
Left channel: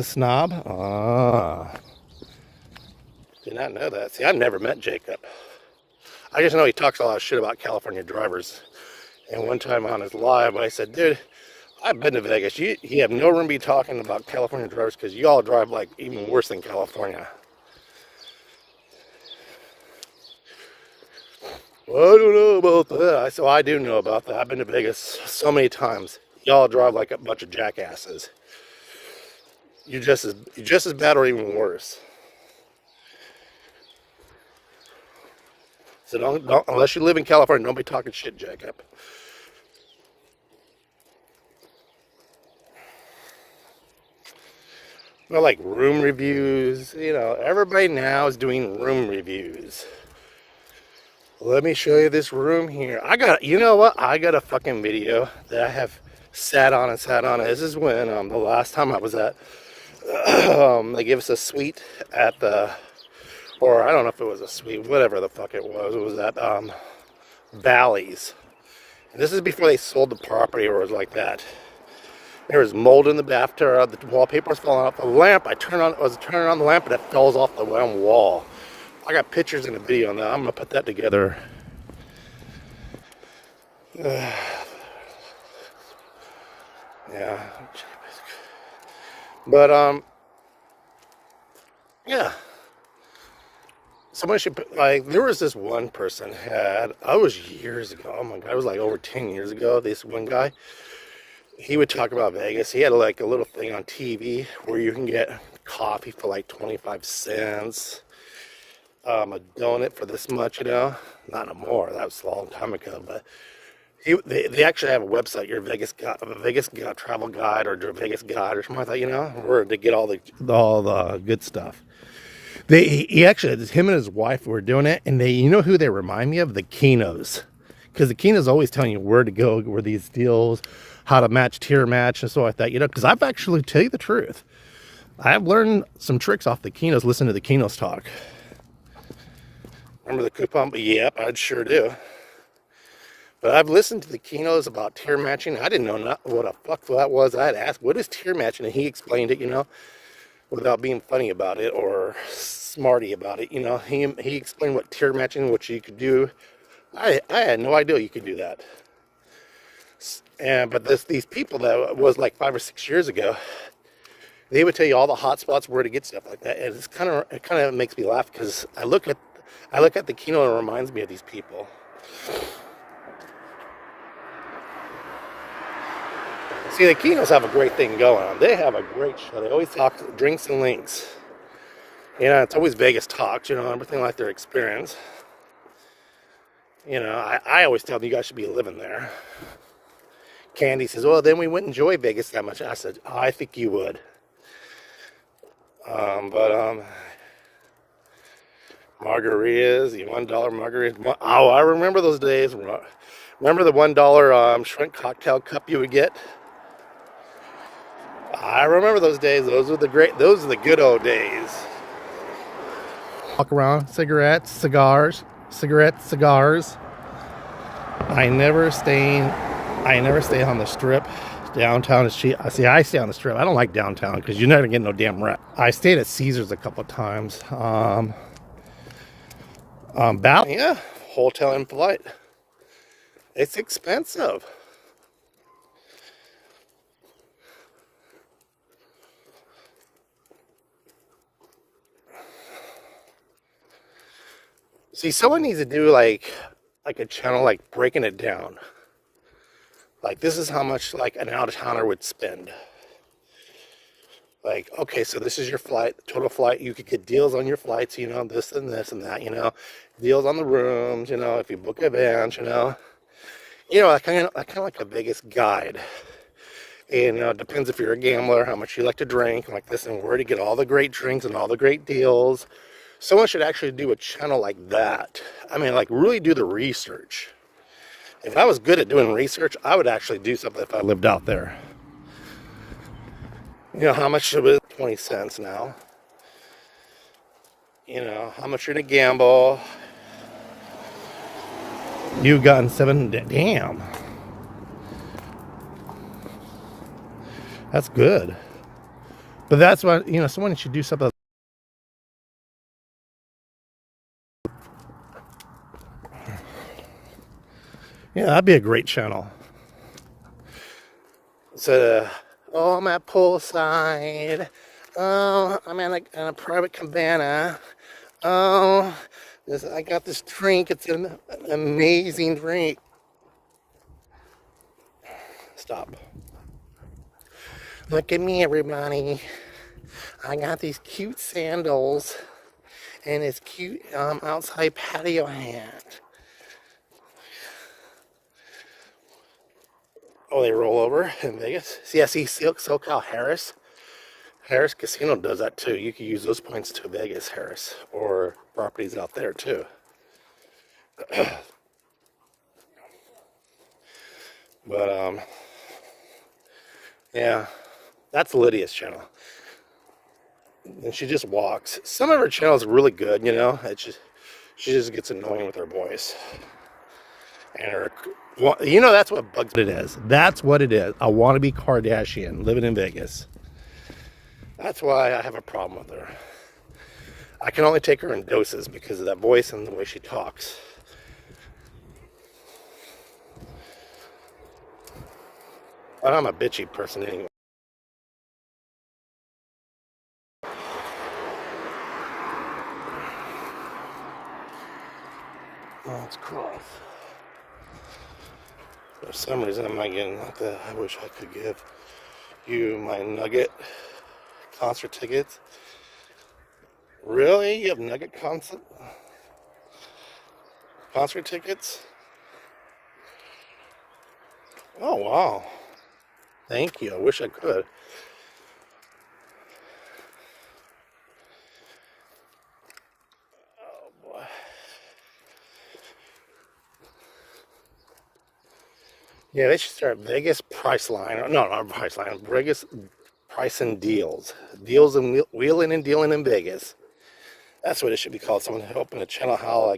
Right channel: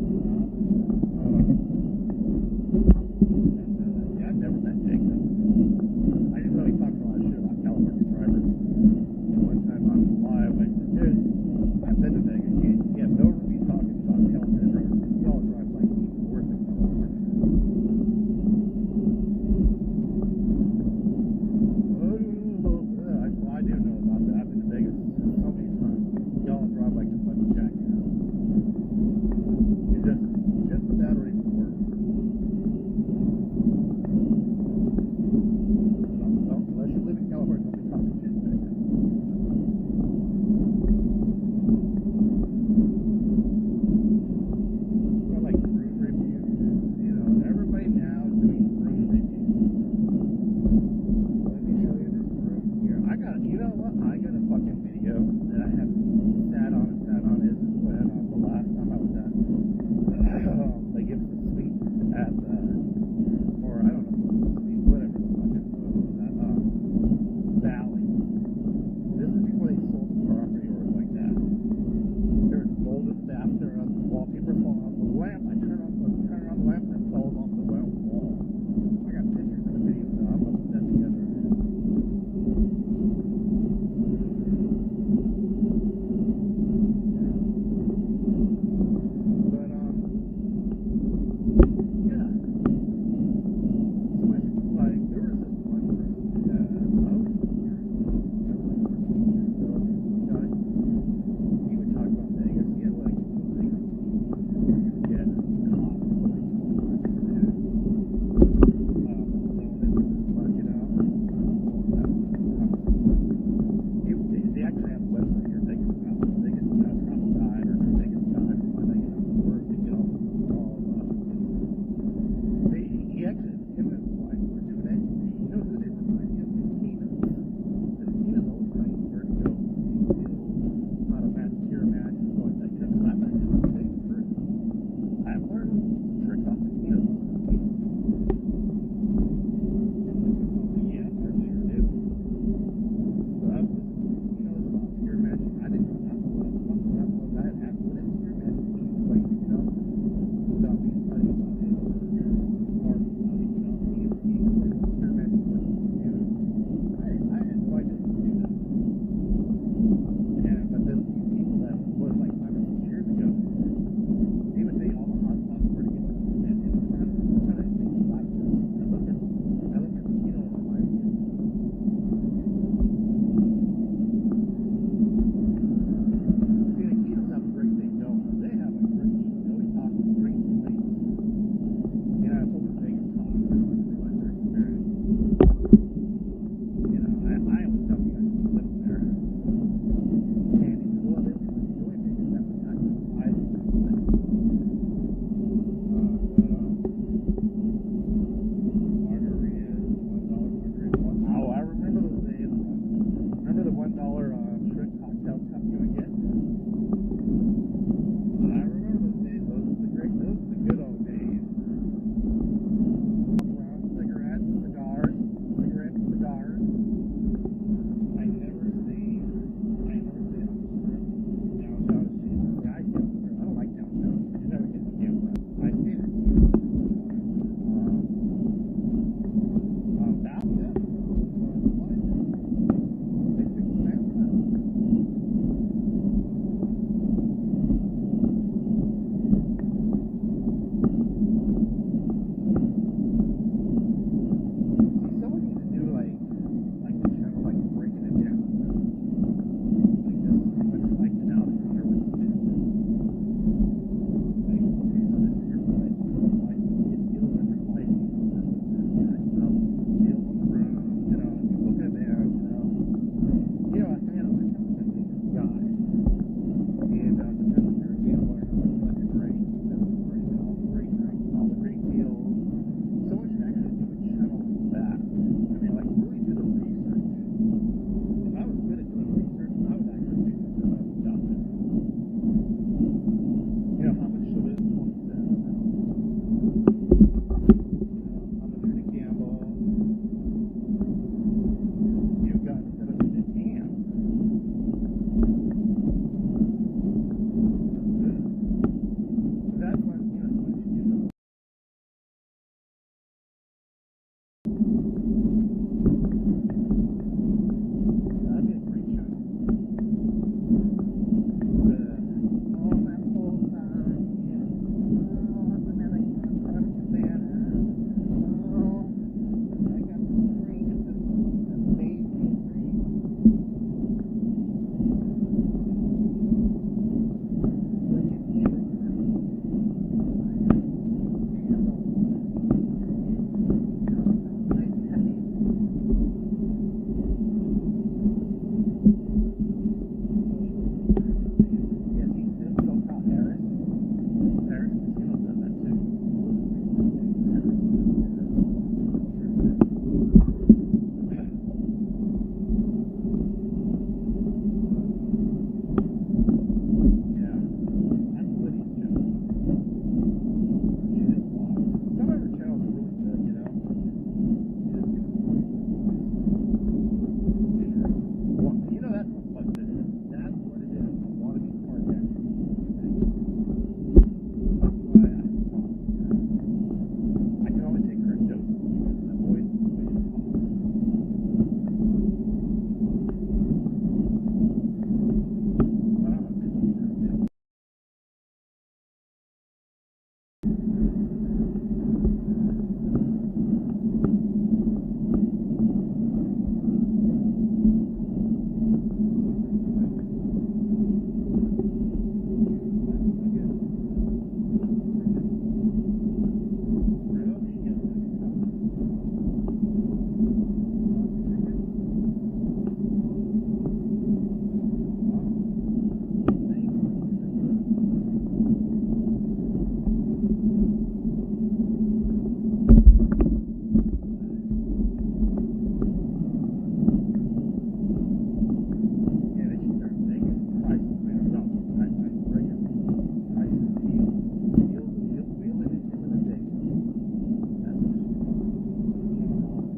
not know that. See, I've never met Jacob. I just know he talks a lot of shit about California drivers. And one time on his live, I said, dude, I've been to Vegas. You have no room to be talking about California drivers because you all drive like even worse than California. Well, I don't know about that. So I do know about that. I've been to Vegas so many times. Y'all drive like a bunch of jackasses. You're just as bad or even worse. So don't, unless you live in California, don't be talking shit, Jacob. Well, like room reviews, you know, everybody now is doing room reviews. Let me show you this room here. You know what? I got a fucking video that I have sat on it. This is when the last time I was at, they gave us a suite at or I don't know if it was a suite, whatever the fuck it was. It was at Bally's. This is before they sold the property or it was like that. There was mold in the bathtub, the wallpaper was falling off the lamp. I was turning on the lamp and it falls off the wall. I got pictures in the video on that. I'm gonna put that together. Yeah. But yeah. someone should, like, there was this one person I was years ago, oh my God, it was like over 10 years ago, this one guy, he would talk about Vegas. He had like a little thing on TV where you can get coffee for like 25 cents, a donut for this much, not no more, that was a long time ago, but they actually have a website, your Vegas travel guide or your Vegas guide or something like that, where to get all the good stuff. He actually, him and his wife were doing it, and you know who they remind me of? The Kenos. Because the Kenos always telling you where to go, where these deals, how to tier match, and stuff like that, because I've actually, tell you the truth, I've learned some tricks off the Kenos, listen to the Kenos talk. Remember the coupon? Yep, I sure do. But I've listened to the Kenos about tier matching. I didn't know what the fuck that was. I had asked, what is tier matching? And he explained it, without being funny about it or smarty about it, he explained what tier matching, what you could do. I had no idea you could do that. But these people that was like 5 or 6 years ago, they would tell you all the hot spots where to get stuff like that, and it kind of makes me laugh because I look at the Keno and it reminds me of these people. See, the Kenos have a great thing going on. They have a great show. They always talk drinks and links. It's always Vegas talks, everything like their experience. I always tell them you guys should be living there. Candy says, well, then we wouldn't enjoy Vegas that much. I said, I think you would. Margaritas, the $1 margarita. Oh, I remember those days. Remember the $1 shrimp cocktail cup you would get? I remember those days. Those are the good old days. Walk around, cigars. I never stay on the strip. Downtown is cheap. See, I stay on the strip. I don't like downtown because you're never getting no damn rep. I stayed at Caesars a couple of times. Hotel in flight. It's expensive. See, someone needs to do like a channel, like breaking it down. Like, this is how much like an out-of-towner would spend. Like, okay, so this is your flight, total flight. You could get deals on your flights, this and this and that, deals on the rooms, if you book advance, kind of like a Vegas guide. It depends if you're a gambler, how much you like to drink, like this, and where to get all the great drinks and all the great deals. Someone should actually do a channel like that. I mean, like, really do the research. If I was good at doing research, I would actually do something if I lived out there. How much is it? 20 cents now. How much you're gonna gamble. You've gotten 7, damn. That's good. But that's why, someone should do something. Yeah, that'd be a great channel. So, I'm at poolside. Oh, I'm in a private cabana. Oh, I got this drink. It's an amazing drink. Stop. Look at me, everybody. I got these cute sandals and this cute outside patio hat. Oh, they roll over in Vegas. See, I see SoCal Harris. Harris Casino does that too. You can use those points to Vegas, Harris, or properties out there too. But yeah, that's Lydia's channel, and she just walks. Some of her channels are really good, she just gets annoying with her voice and her. That's what bugs it is. That's what it is. I want to be Kardashian living in Vegas. That's why I have a problem with her. I can only take her in doses because of that voice and the way she talks. But I'm a bitchy person anyway. some reason I'm not getting the. I wish I could give you my Nugget concert tickets. Really? You have Nugget concert tickets? Oh wow! Thank you. I wish I could. Yeah, they should start Vegas Priceline. No, not Priceline. Vegas Price and Deals. Deals and wheeling and dealing in Vegas. That's what it should be called. Someone open a channel. How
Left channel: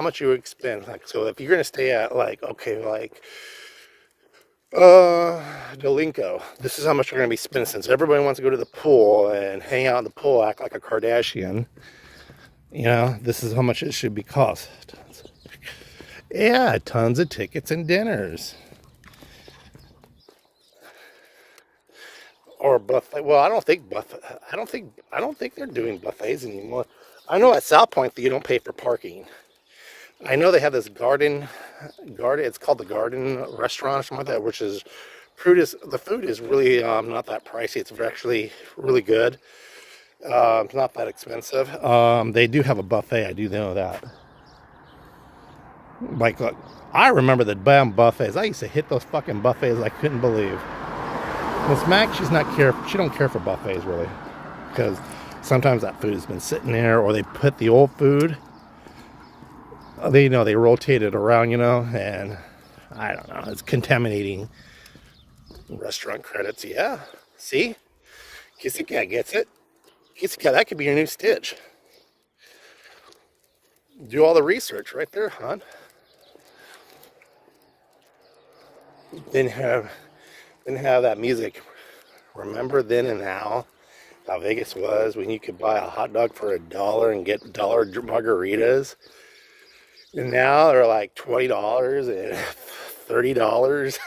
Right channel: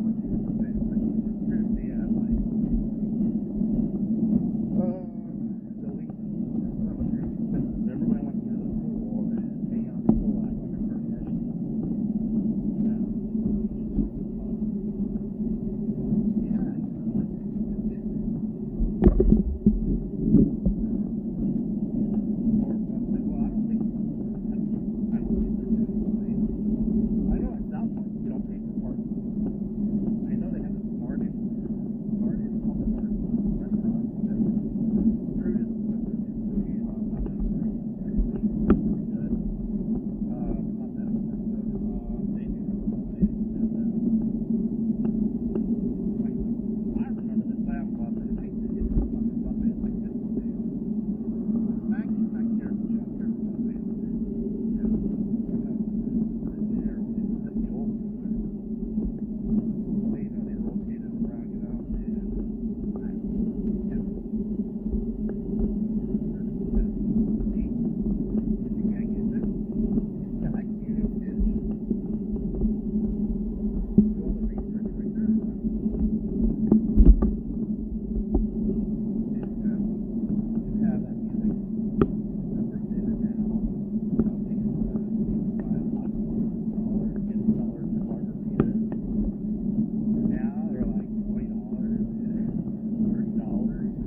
much you would spend? Like, so if you're gonna stay at Delinco, this is how much you're gonna be spending. Since everybody wants to go to the pool and hang out in the pool, act like a Kardashian, this is how much it should be cost. Yeah, tons of tickets and dinners. Or buffet. Well, I don't think they're doing buffets anymore. I know at South Point that you don't pay for parking. I know they have this garden. It's called the Garden Restaurant or something like that, which is the food is really not that pricey. It's actually really good. It's not that expensive. They do have a buffet. I do know that. Like, I remember the damn buffets. I used to hit those fucking buffets. I couldn't believe. Miss Mac, she don't care for buffets really, because sometimes that food has been sitting there, or they put the old food. They rotate it around, and I don't know. It's contaminating restaurant credits. Yeah, see, Kissy Cat gets it. Kissy Cat, that could be your new Stitch. Do all the research right there, hon. Then have that music. Remember then and now how Vegas was when you could buy a hot dog for $1 and get $1 margaritas, and now they're like $20 and $30.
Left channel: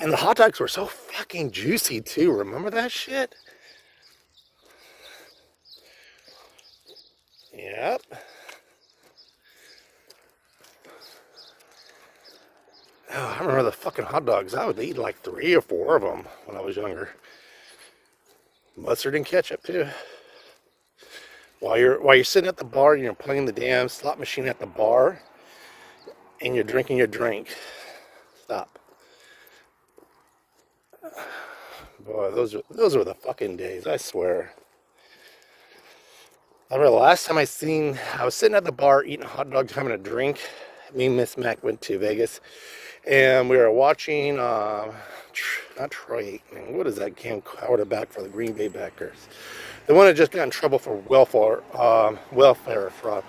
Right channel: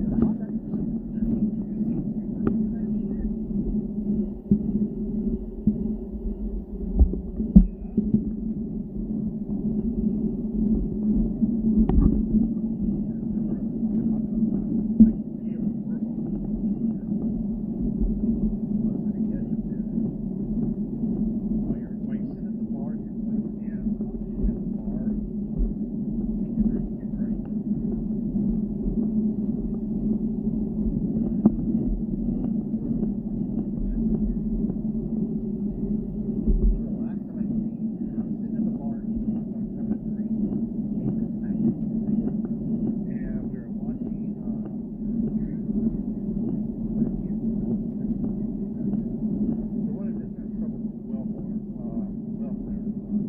And the hot dogs were so fucking juicy too. Remember that shit? Yep. I remember the fucking hot dogs. I would eat like 3 or 4 of them when I was younger. Mustard and ketchup too. While you're sitting at the bar and you're playing the damn slot machine at the bar and you're drinking your drink. Stop. Boy, those were the fucking days, I swear. I remember the last time I was sitting at the bar eating hot dogs, having a drink. Me and Miss Mac went to Vegas, and we were watching, not Troy Aikman, what is that quarterback for the Green Bay Packers? The one that just got in trouble for welfare fraud.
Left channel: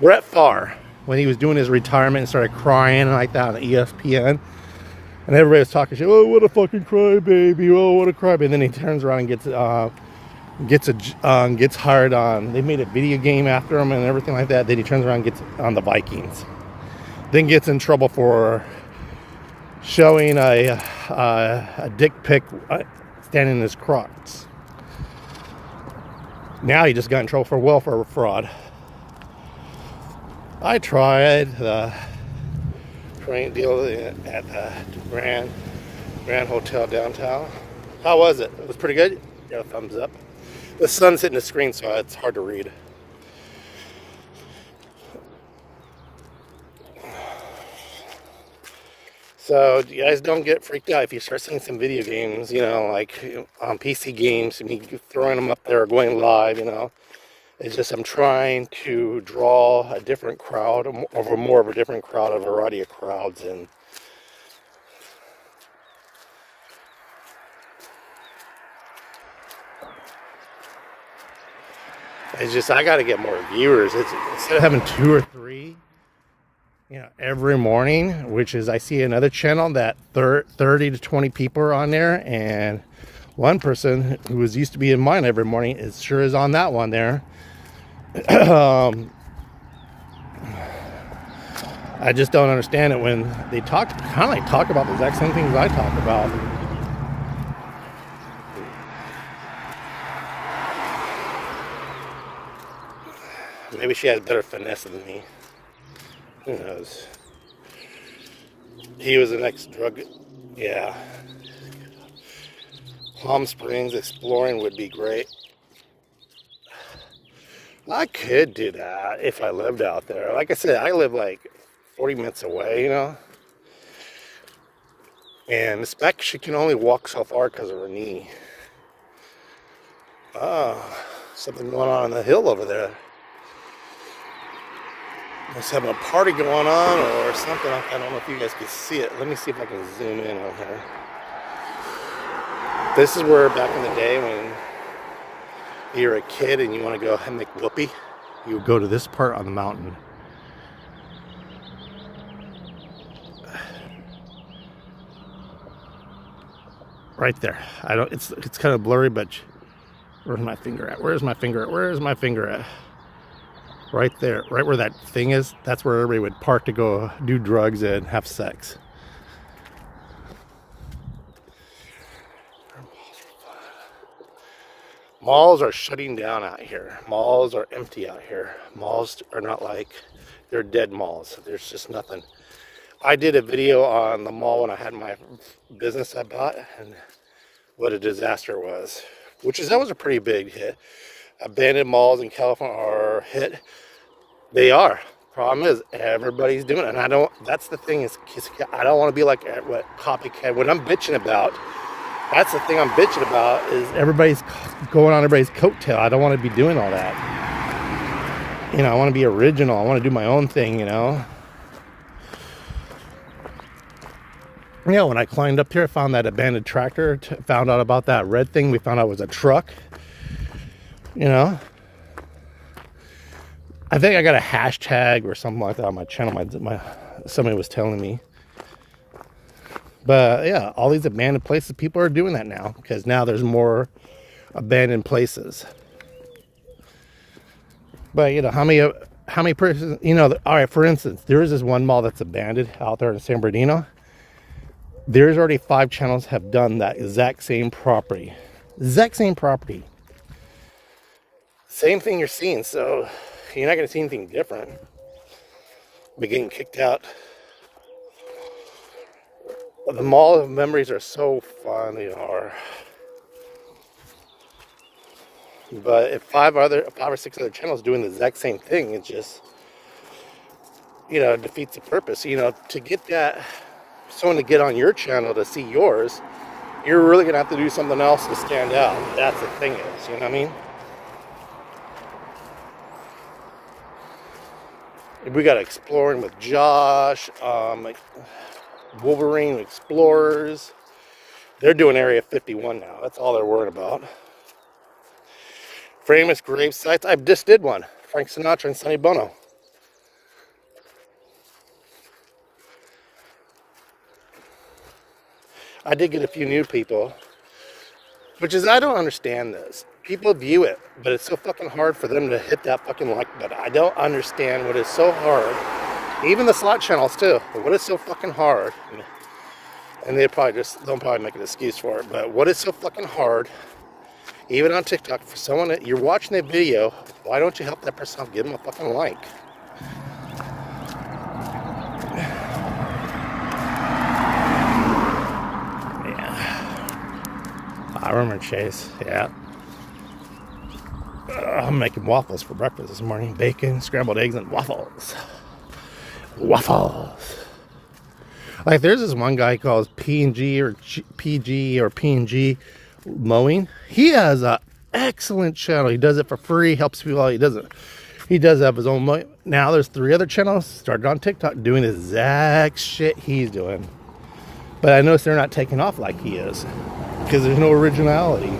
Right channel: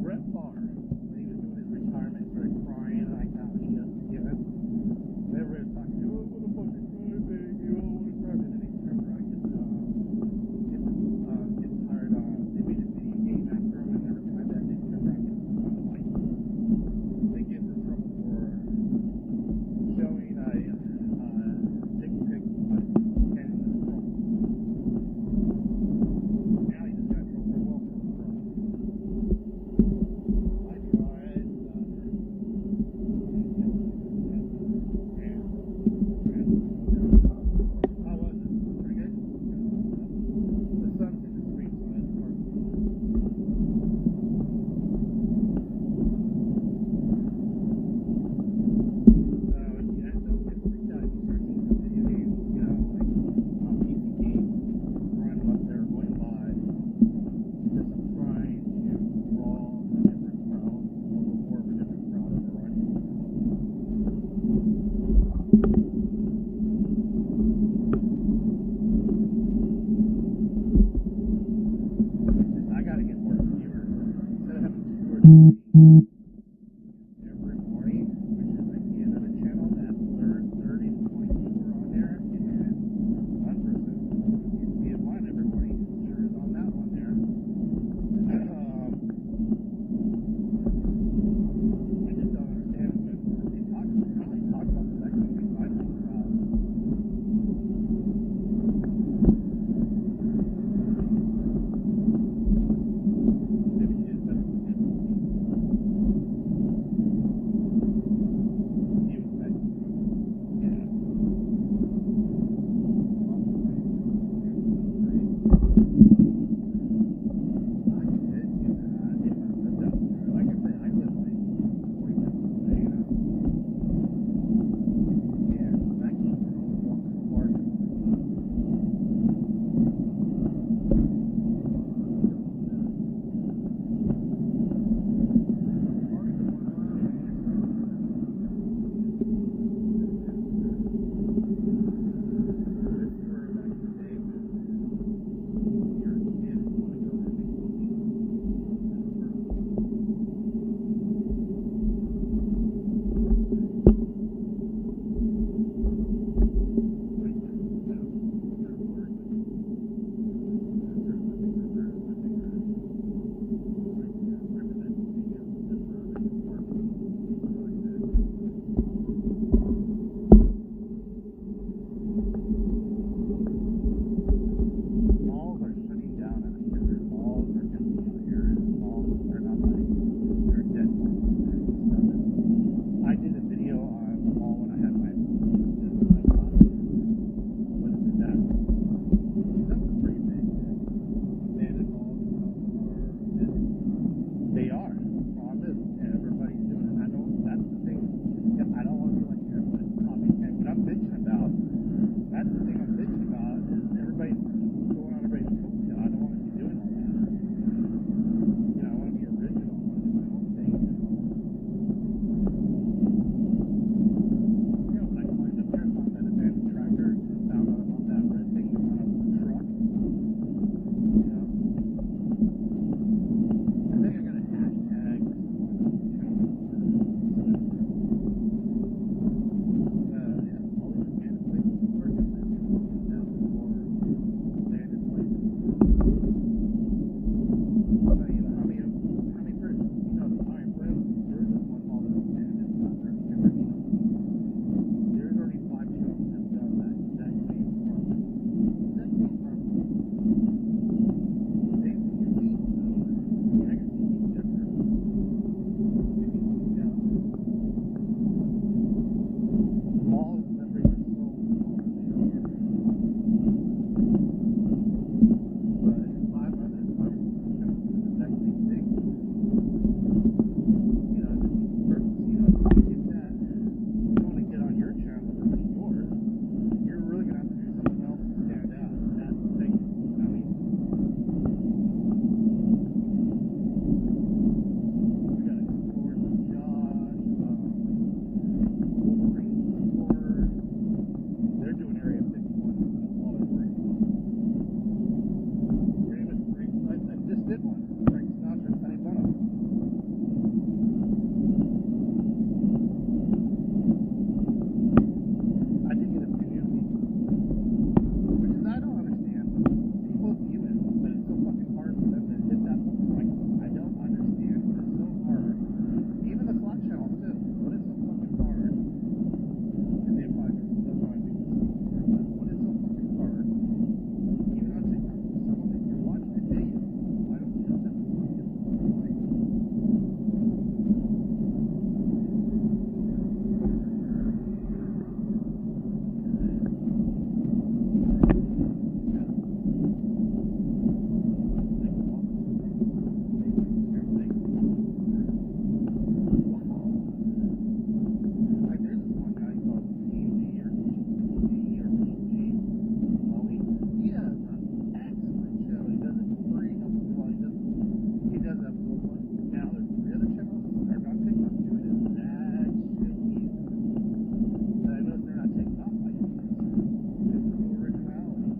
Brett Favre, when he was doing his retirement and started crying like that on ESPN, and everybody was talking shit. Oh, what a fucking crybaby! Oh, what a crybaby! And then he turns around and gets hired on. They made a video game after him and everything like that. Then he turns around and gets on the Vikings. Then gets in trouble for showing a dick pic standing in his Crocs. Now he just got in trouble for welfare fraud. I tried the train deal at the Grand Hotel downtown. How was it? It was pretty good? Yeah, thumbs up. The sun's hitting the screen, so it's hard to read. So you guys don't get freaked out if you start seeing some video games, like on PC games, and you throwing them up there, going live, It's just I'm trying to draw a different crowd, more of a different crowd, a variety of crowds, and it's just I got to get more viewers. It's instead of having 2 or 3. Every morning, which is I see another channel that 30 to 20 people are on there, and one person who was used to be in mine every morning is on that one there. I just don't understand it when they talk about the exact same things I talk about. Maybe she had better finesse than me. Who knows? He was an ex-drug. Yeah. Palm Springs exploring would be great. I could do that if I lived out there. Like I said, I live like 40 minutes away, you know? And this back, she can only walk so far because of her knee. Something going on the hill over there. Let's have a party going on or something. I don't know if you guys can see it. Let me see if I can zoom in on here. This is where back in the day when you're a kid and you want to go and make whoopee, you would go to this part on the mountain. Right there. It's kind of blurry, but where's my finger at? Where's my finger at? Where's my finger at? Right there, right where that thing is, that's where everybody would park to go do drugs and have sex. Malls are shutting down out here. Malls are empty out here. Malls are not like, they're dead malls. There's just nothing. I did a video on the mall when I had my business I bought and what a disaster it was. That was a pretty big hit. Abandoned malls in California are hit. They are. Problem is, everybody's doing it. And that's the thing is, I don't want to be like what copycat. What I'm bitching about, that's the thing I'm bitching about is everybody's going on everybody's coattail. I don't want to be doing all that. You know, I want to be original. I want to do my own thing, you know. Yeah, when I climbed up here, I found that abandoned tractor, found out about that red thing. We found out it was a truck. You know, I think I got a hashtag or something like that on my channel. Somebody was telling me. But yeah, all these abandoned places, people are doing that now because now there's more abandoned places. But you know, how many persons? You know, all right. For instance, there is this one mall that's abandoned out there in San Bernardino. There's already 5 channels have done that exact same property. Exact same property. Same thing you're seeing, so you're not going to see anything different. But getting kicked out. But the mall of memories are so fun, they are. But if 5 or 6 other channels doing the exact same thing, it just, you know, defeats the purpose. You know, to get that, someone to get on your channel to see yours, you're really going to have to do something else to stand out. That's the thing is, you know what I mean? We got Exploring with Josh, Wolverine Explorers. They're doing Area 51 now. That's all they're worried about. Famous grave sites. I just did one. Frank Sinatra and Sonny Bono. I did get a few new people, which is, I don't understand this. People view it, but it's so fucking hard for them to hit that fucking like button. I don't understand what is so hard. Even the slot channels too. But what is so fucking hard? And they'll probably make an excuse for it. But what is so fucking hard, even on TikTok, for someone that you're watching the video, why don't you help that person out? Give them a fucking like. I remember Chase, yeah. I'm making waffles for breakfast this morning. Bacon, scrambled eggs, and waffles. Waffles. Like, there's this one guy called P&G or PG or P&G Mowing. He has an excellent channel. He does it for free, helps people out. He does have his own mowing. Now there's 3 other channels started on TikTok doing the exact shit he's doing. But I noticed they're not taking off like he is. Because there's no originality.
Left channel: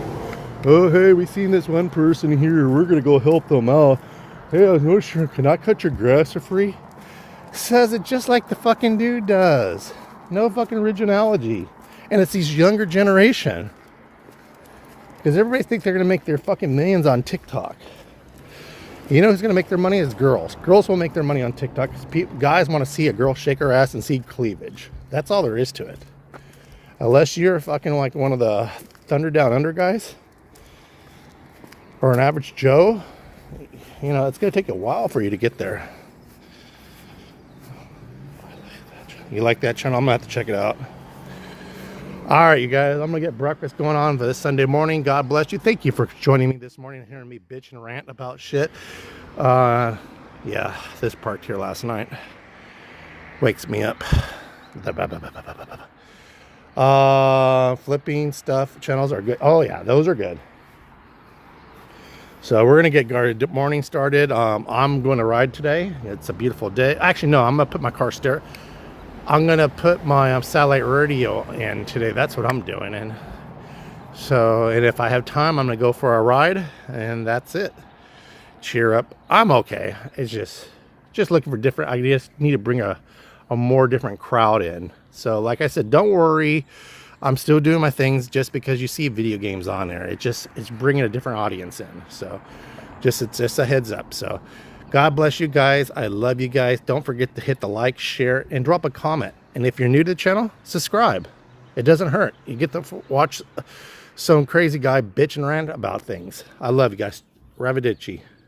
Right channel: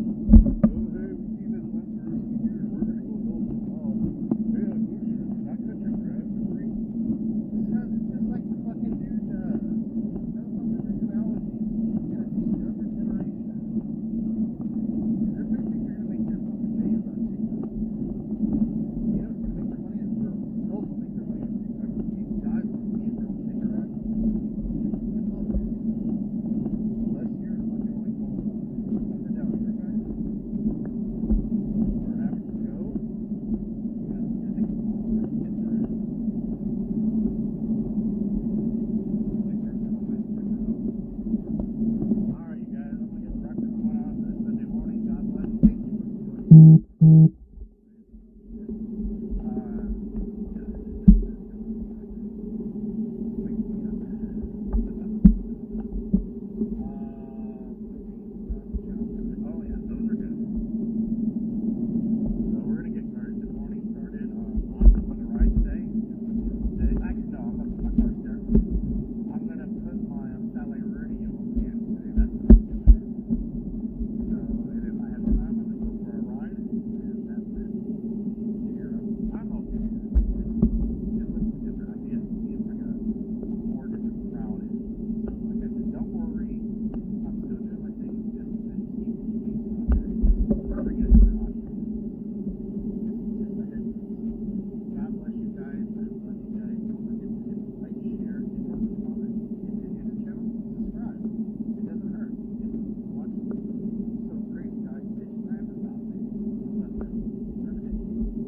Oh, hey, we seen this one person here. We're going to go help them out. Hey, no, sure. Can I cut your grass for free? Says it just like the fucking dude does. No fucking originality. And it's these younger generation. Because everybody thinks they're going to make their fucking millions on TikTok. You know who's going to make their money is girls. Girls will make their money on TikTok because guys want to see a girl shake her ass and see cleavage. That's all there is to it. Unless you're fucking like one of the Thunder Down Under guys or an average Joe, you know, it's gonna take a while for you to get there. You like that channel? I'm gonna have to check it out. All right, you guys, I'm gonna get breakfast going on for this Sunday morning. God bless you. Thank you for joining me this morning and hearing me bitch and rant about shit. Yeah, this parked here last night wakes me up. Flipping stuff channels are good. Oh yeah, those are good. So we're gonna get our morning started. I'm going to ride today. It's a beautiful day. Actually, no, I'm gonna put my car stereo. I'm gonna put my satellite radio in today. That's what I'm doing. And so, and if I have time, I'm gonna go for a ride, and that's it. Cheer up. I'm okay. It's just looking for different. I just need to bring a more different crowd in. So, like I said, don't worry. I'm still doing my things. Just because you see video games on there, it's bringing a different audience in. So, it's just a heads up. So, God bless you guys. I love you guys. Don't forget to hit the like, share, and drop a comment. And if you're new to the channel, subscribe. It doesn't hurt. You get to watch some crazy guy bitch and rant about things. I love you guys. Arrivederci.